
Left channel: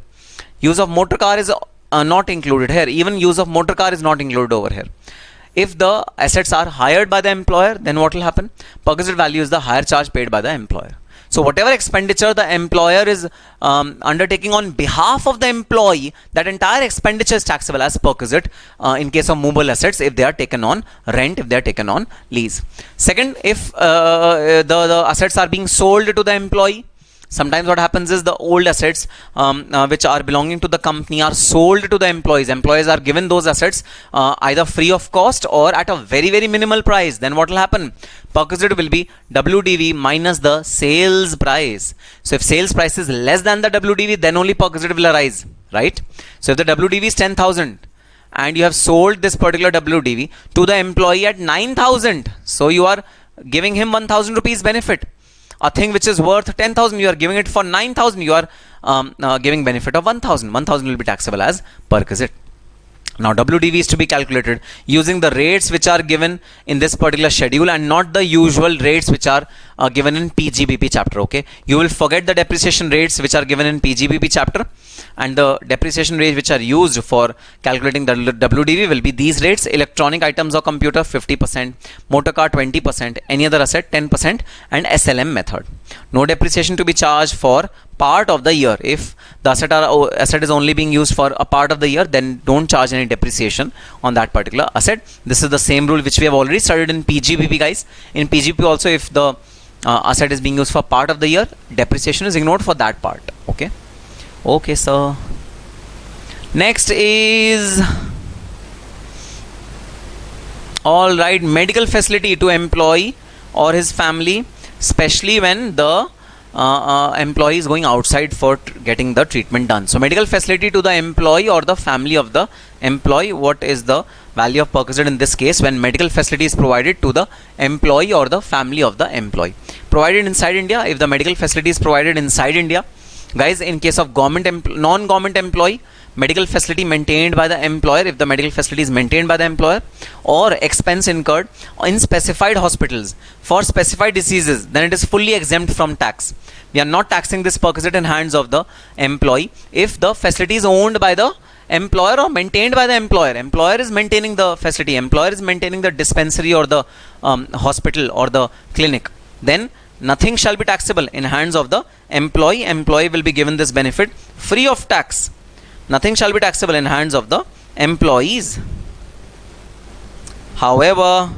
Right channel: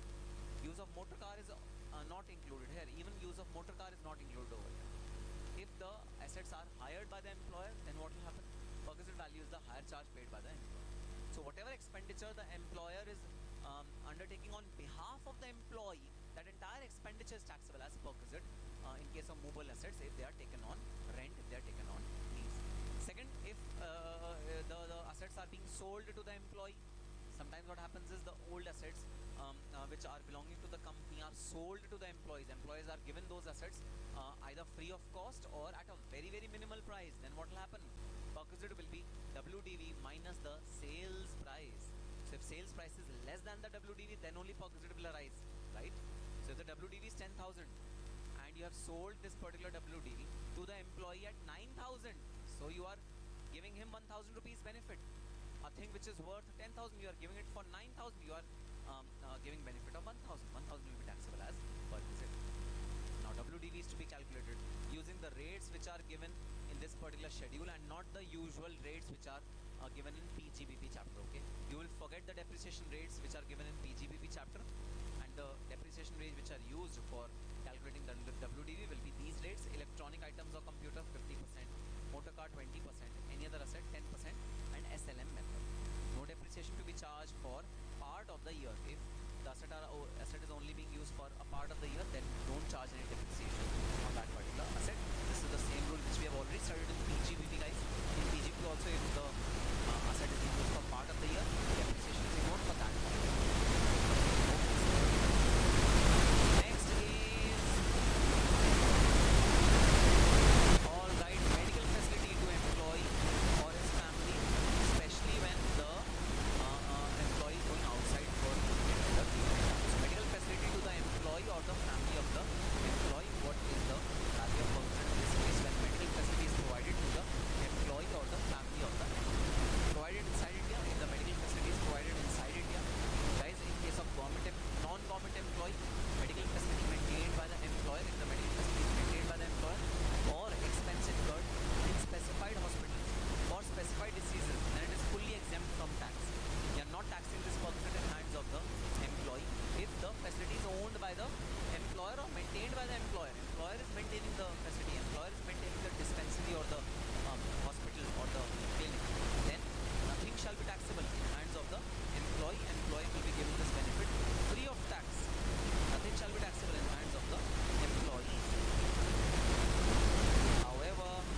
Use of motor car is not included here. Even use of motor car is not included over here. If the assets are hired by the employer, then what will happen? Perquisite value is the higher charge paid by the employer. So whatever expenditure the employer is undertaking on behalf of the employee, that entire expenditure is taxable as perquisite in case of movable assets if they are taken on rent, if they are taken on lease. Second, if the assets are being sold to the employee, sometimes what happens is the old assets which are belonging to the company are sold to the employees. Employees are given those assets either free of cost or at a very, very minimal price. Then what will happen? Perquisite will be WDV minus the sales price. So if sales price is less than the WDV, then only perquisite will arise, right? So if the WDV is 10,000 and you have sold this particular WDV to the employee at 9,000, so you are giving him 1,000 rupees benefit. A thing which is worth 10,000, you are giving it for 9,000, you are giving benefit of 1,000. 1,000 will be taxable as perquisite. Now WDV is to be calculated using the rates which are given in this particular schedule and not the usual rates which are given in PGBP chapter. Okay, you will forget the depreciation rates which are given in PGBP chapter, and the depreciation rates which are used for calculating the WDV will be these rates: electronic items or computer 50%, motor car 20%, any other asset 10%, and SLM method. No depreciation to be charged for part of the year. If the asset is only being used for a part of the year, then don't charge any depreciation on that particular asset. This is the same rule which we have already studied in PGBP, guys. In PGBP also, if the asset is being used for part of the year, depreciation is ignored for that part. Okay. Okay, sir. Next is, all right, medical facility to employee or his family, especially when the employee is going outside for getting the treatment done. So medical facility to the employee or the family of the employee. What is the value of perquisite in this case when medical facility is provided to the employee or the family of the employee? Provided inside India. If the medical facility is provided inside India, guys, in case of non-government employee, medical facility maintained by the employer, if the medical facility is maintained by the employer, or expense incurred in specified hospitals for specified diseases, then it is fully exempt from tax. We are not taxing this perquisite in hands of the employee. If the facility is owned by the employer or maintained by the employer, employer is maintaining the facility, employer is maintaining the dispensary or the hospital or the clinic, then nothing shall be taxable in hands of the employee. Employee will be given this benefit free of tax. Nothing shall be taxable in hands of the employees. However,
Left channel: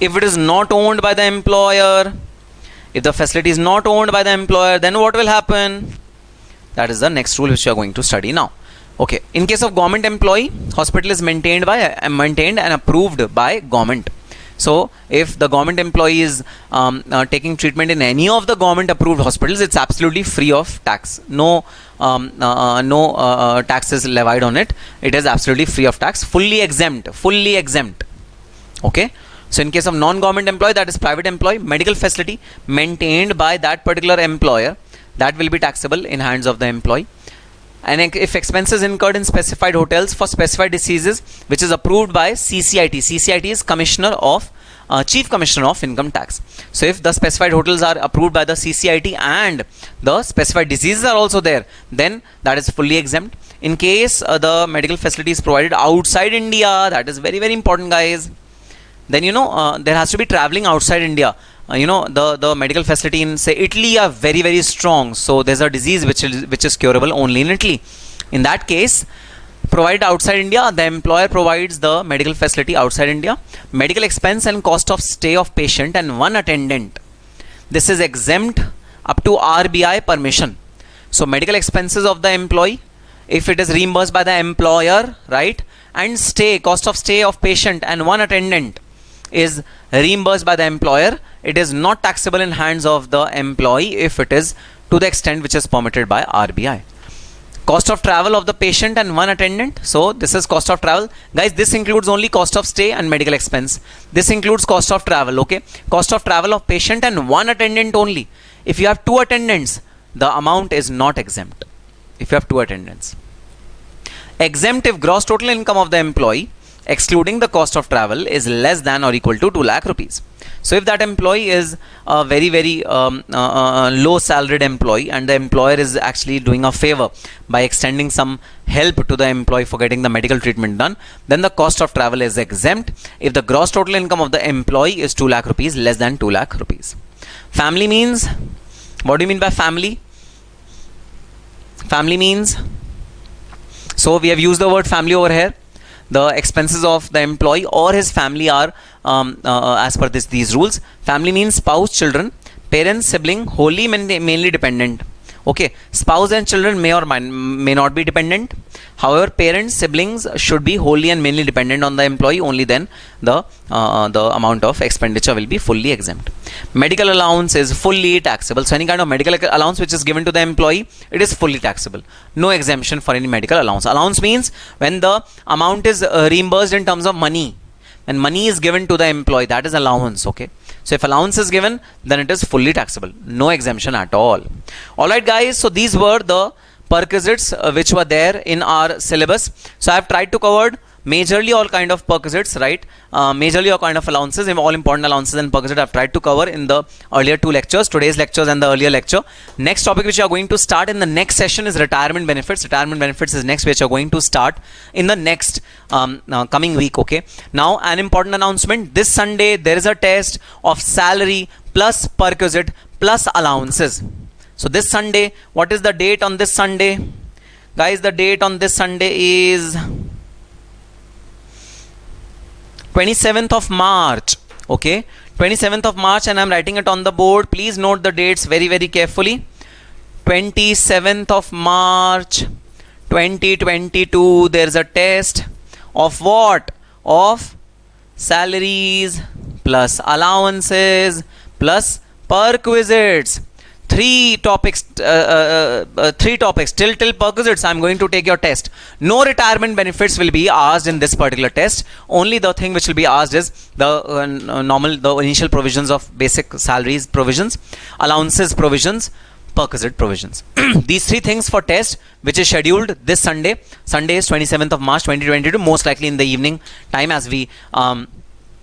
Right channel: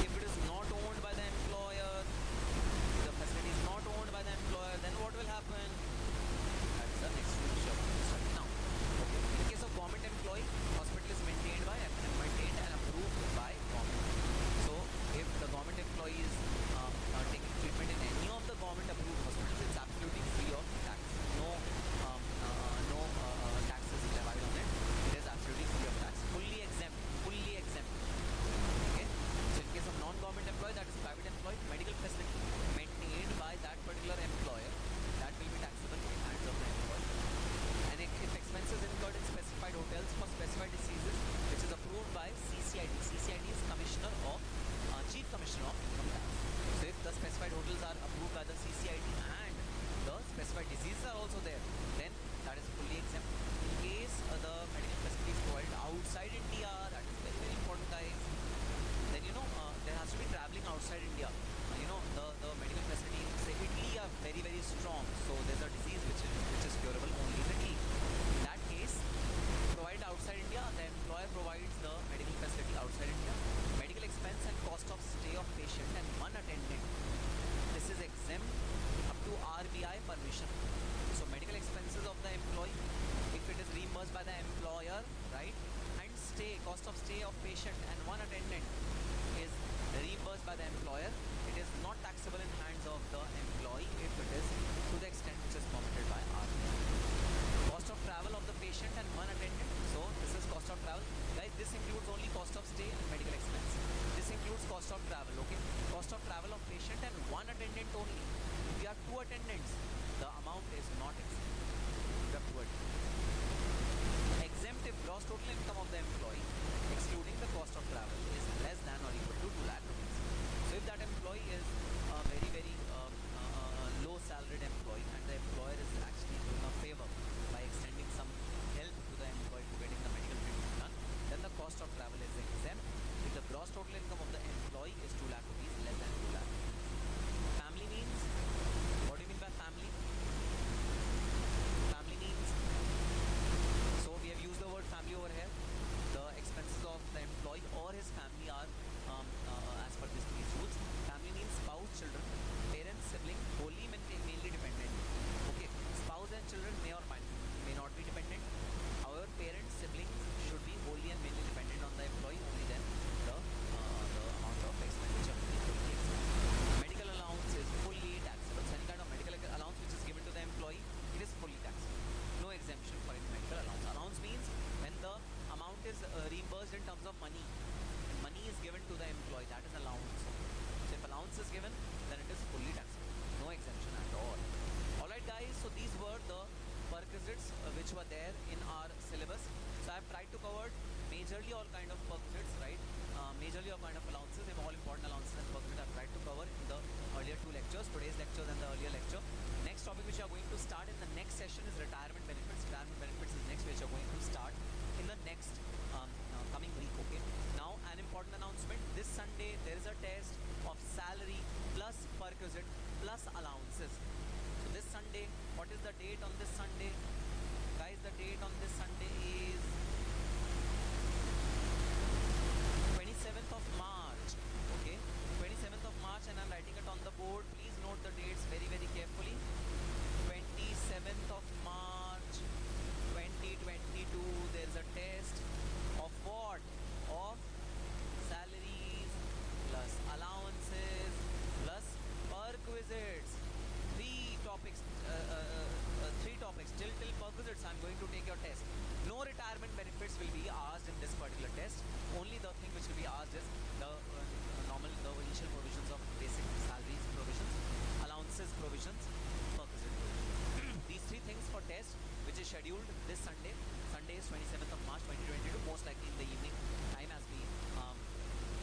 if it is not owned by the employer, if the facility is not owned by the employer, then what will happen? That is the next rule which we are going to study now. Okay, in case of government employee, hospital is maintained and approved by government. So if the government employee is taking treatment in any of the government approved hospitals, it's absolutely free of tax. No tax is levied on it. It is absolutely free of tax, fully exempt. Okay. So in case of non-government employee, that is private employee, medical facility maintained by that particular employer, that will be taxable in hands of the employee. And if expenses incurred in specified hotels for specified diseases, which is approved by CCIT. CCIT is Chief Commissioner of Income Tax. So if the specified hotels are approved by the CCIT and the specified diseases are also there, then that is fully exempt. In case the medical facility is provided outside India, that is very, very important, guys. Then there has to be traveling outside India. The medical facility in, say, Italy are very, very strong. So there's a disease which is curable only in Italy. In that case, provided outside India, the employer provides the medical facility outside India. Medical expense and cost of stay of patient and one attendant. This is exempt up to RBI permission. So medical expenses of the employee, if it is reimbursed by the employer, right, and cost of stay of patient and one attendant is reimbursed by the employer, it is not taxable in hands of the employee if it is to the extent which is permitted by RBI. Cost of travel of the patient and one attendant. So this is cost of travel. Guys, this includes only cost of stay and medical expense. This includes cost of travel, okay? Cost of travel of patient and one attendant only. If you have two attendants, the amount is not exempt. If you have two attendants. Exempt if gross total income of the employee, excluding the cost of travel, is less than or equal to 2 lakh rupees. So if that employee is a very low salaried employee, and the employer is actually doing a favor by extending some help to the employee for getting the medical treatment done, then the cost of travel is exempt if the gross total income of the employee is 2 lakh rupees, less than 2 lakh rupees. Family means, what do you mean by family? Family means, so we have used the word family over here. The expenses of the employee or his family are as per these rules. Family means spouse, children, parents, sibling, wholly mainly dependent. Okay, spouse and children may or may not be dependent. However, parents, siblings should be wholly and mainly dependent on the employee. Only then the amount of expenditure will be fully exempt. Medical allowance is fully taxable. So any kind of medical allowance which is given to the employee, it is fully taxable. No exemption for any medical allowance. Allowance means when the amount is reimbursed in terms of money. When money is given to the employee, that is allowance. Okay. So if allowance is given, then it is fully taxable. No exemption at all. Alright guys, so these were the perquisites which were there in our syllabus. So I have tried to cover majorly all kind of perquisites, right? Majorly all kind of allowances, all important allowances and perquisites I have tried to cover in the earlier 2 lectures, today's lectures and the earlier lecture. Next topic which we are going to start in the next session is retirement benefits. Retirement benefits is next, which are going to start in the next coming week. Okay. Now an important announcement: this Sunday there is a test of salary plus perquisite plus allowances. So this Sunday, what is the date on this Sunday? Guys, the date on this Sunday is 27th of March. Okay, 27th of March, and I'm writing it on the board. Please note the dates very carefully. 27th of March 2022, there's a test of what? Of salaries plus allowances plus perquisites. Three topics till perquisites I'm going to take your test. No retirement benefits will be asked in this particular test. Only the thing which will be asked is the initial provisions of basic salaries provisions, allowances provisions, perquisite provisions. These 3 things for test, which is scheduled this Sunday. Sunday is 27th of March 2022, most likely in the evening time, as we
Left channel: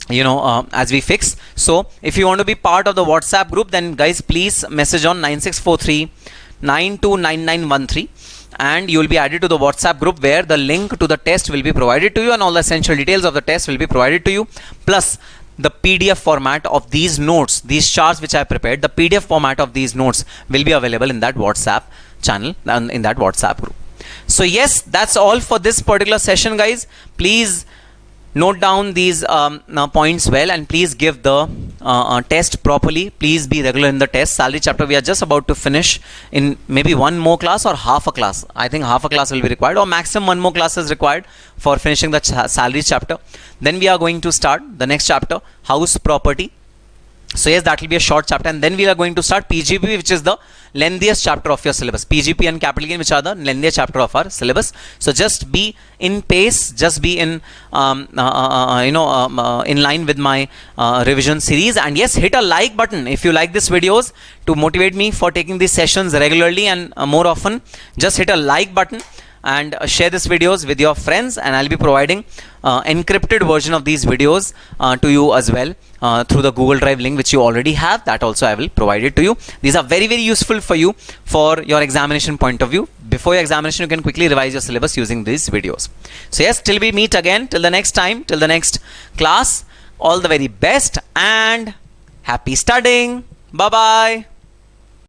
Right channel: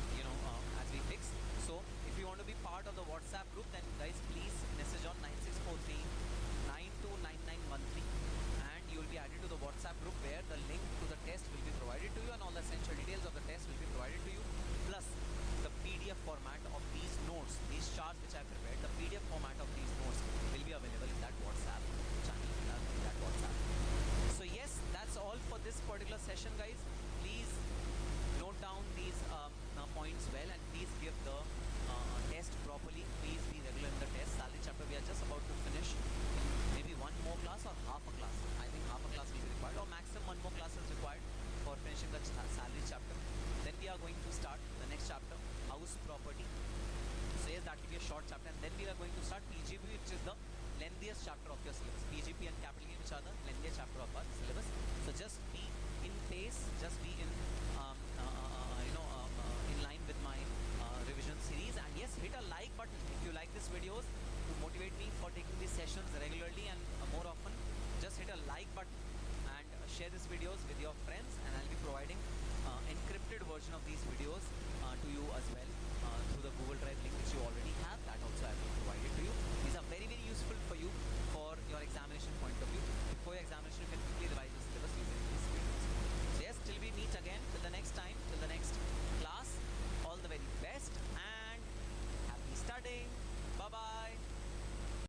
as we fix. So if you want to be part of the WhatsApp group, then guys please message on 9643 929913 and you will be added to the WhatsApp group, where the link to the test will be provided to you and all the essential details of the test will be provided to you, plus the PDF format of these notes, these charts which I prepared. The PDF format of these notes will be available in that WhatsApp channel and in that WhatsApp group. So yes, that's all for this particular session, guys. Please note down these points well, and please give the test properly. Please be regular in the test. Salary chapter we are just about to finish in maybe one more class or half a class. I think half a class will be required, or maximum one more class is required for finishing the salary chapter. Then we are going to start the next chapter, house property. So yes, that will be a short chapter, and then we are going to start PGP, which is the lengthiest chapter of your syllabus. PGP and capital gain, which are the lengthiest chapter of our syllabus. So just be in pace, just be in in line with my revision series, and yes, hit a like button if you like these videos to motivate me for taking these sessions regularly and more often. Just hit a like button and share these videos with your friends, and I'll be providing encrypted version of these videos to you as well through the Google Drive link which you already have. That also I will provide it to you. These are very useful for you for your examination point of view. Before your examination, you can quickly revise your syllabus using these videos. So yes, till we meet again, till the next time, till the next class, all the very best and happy studying. Bye bye.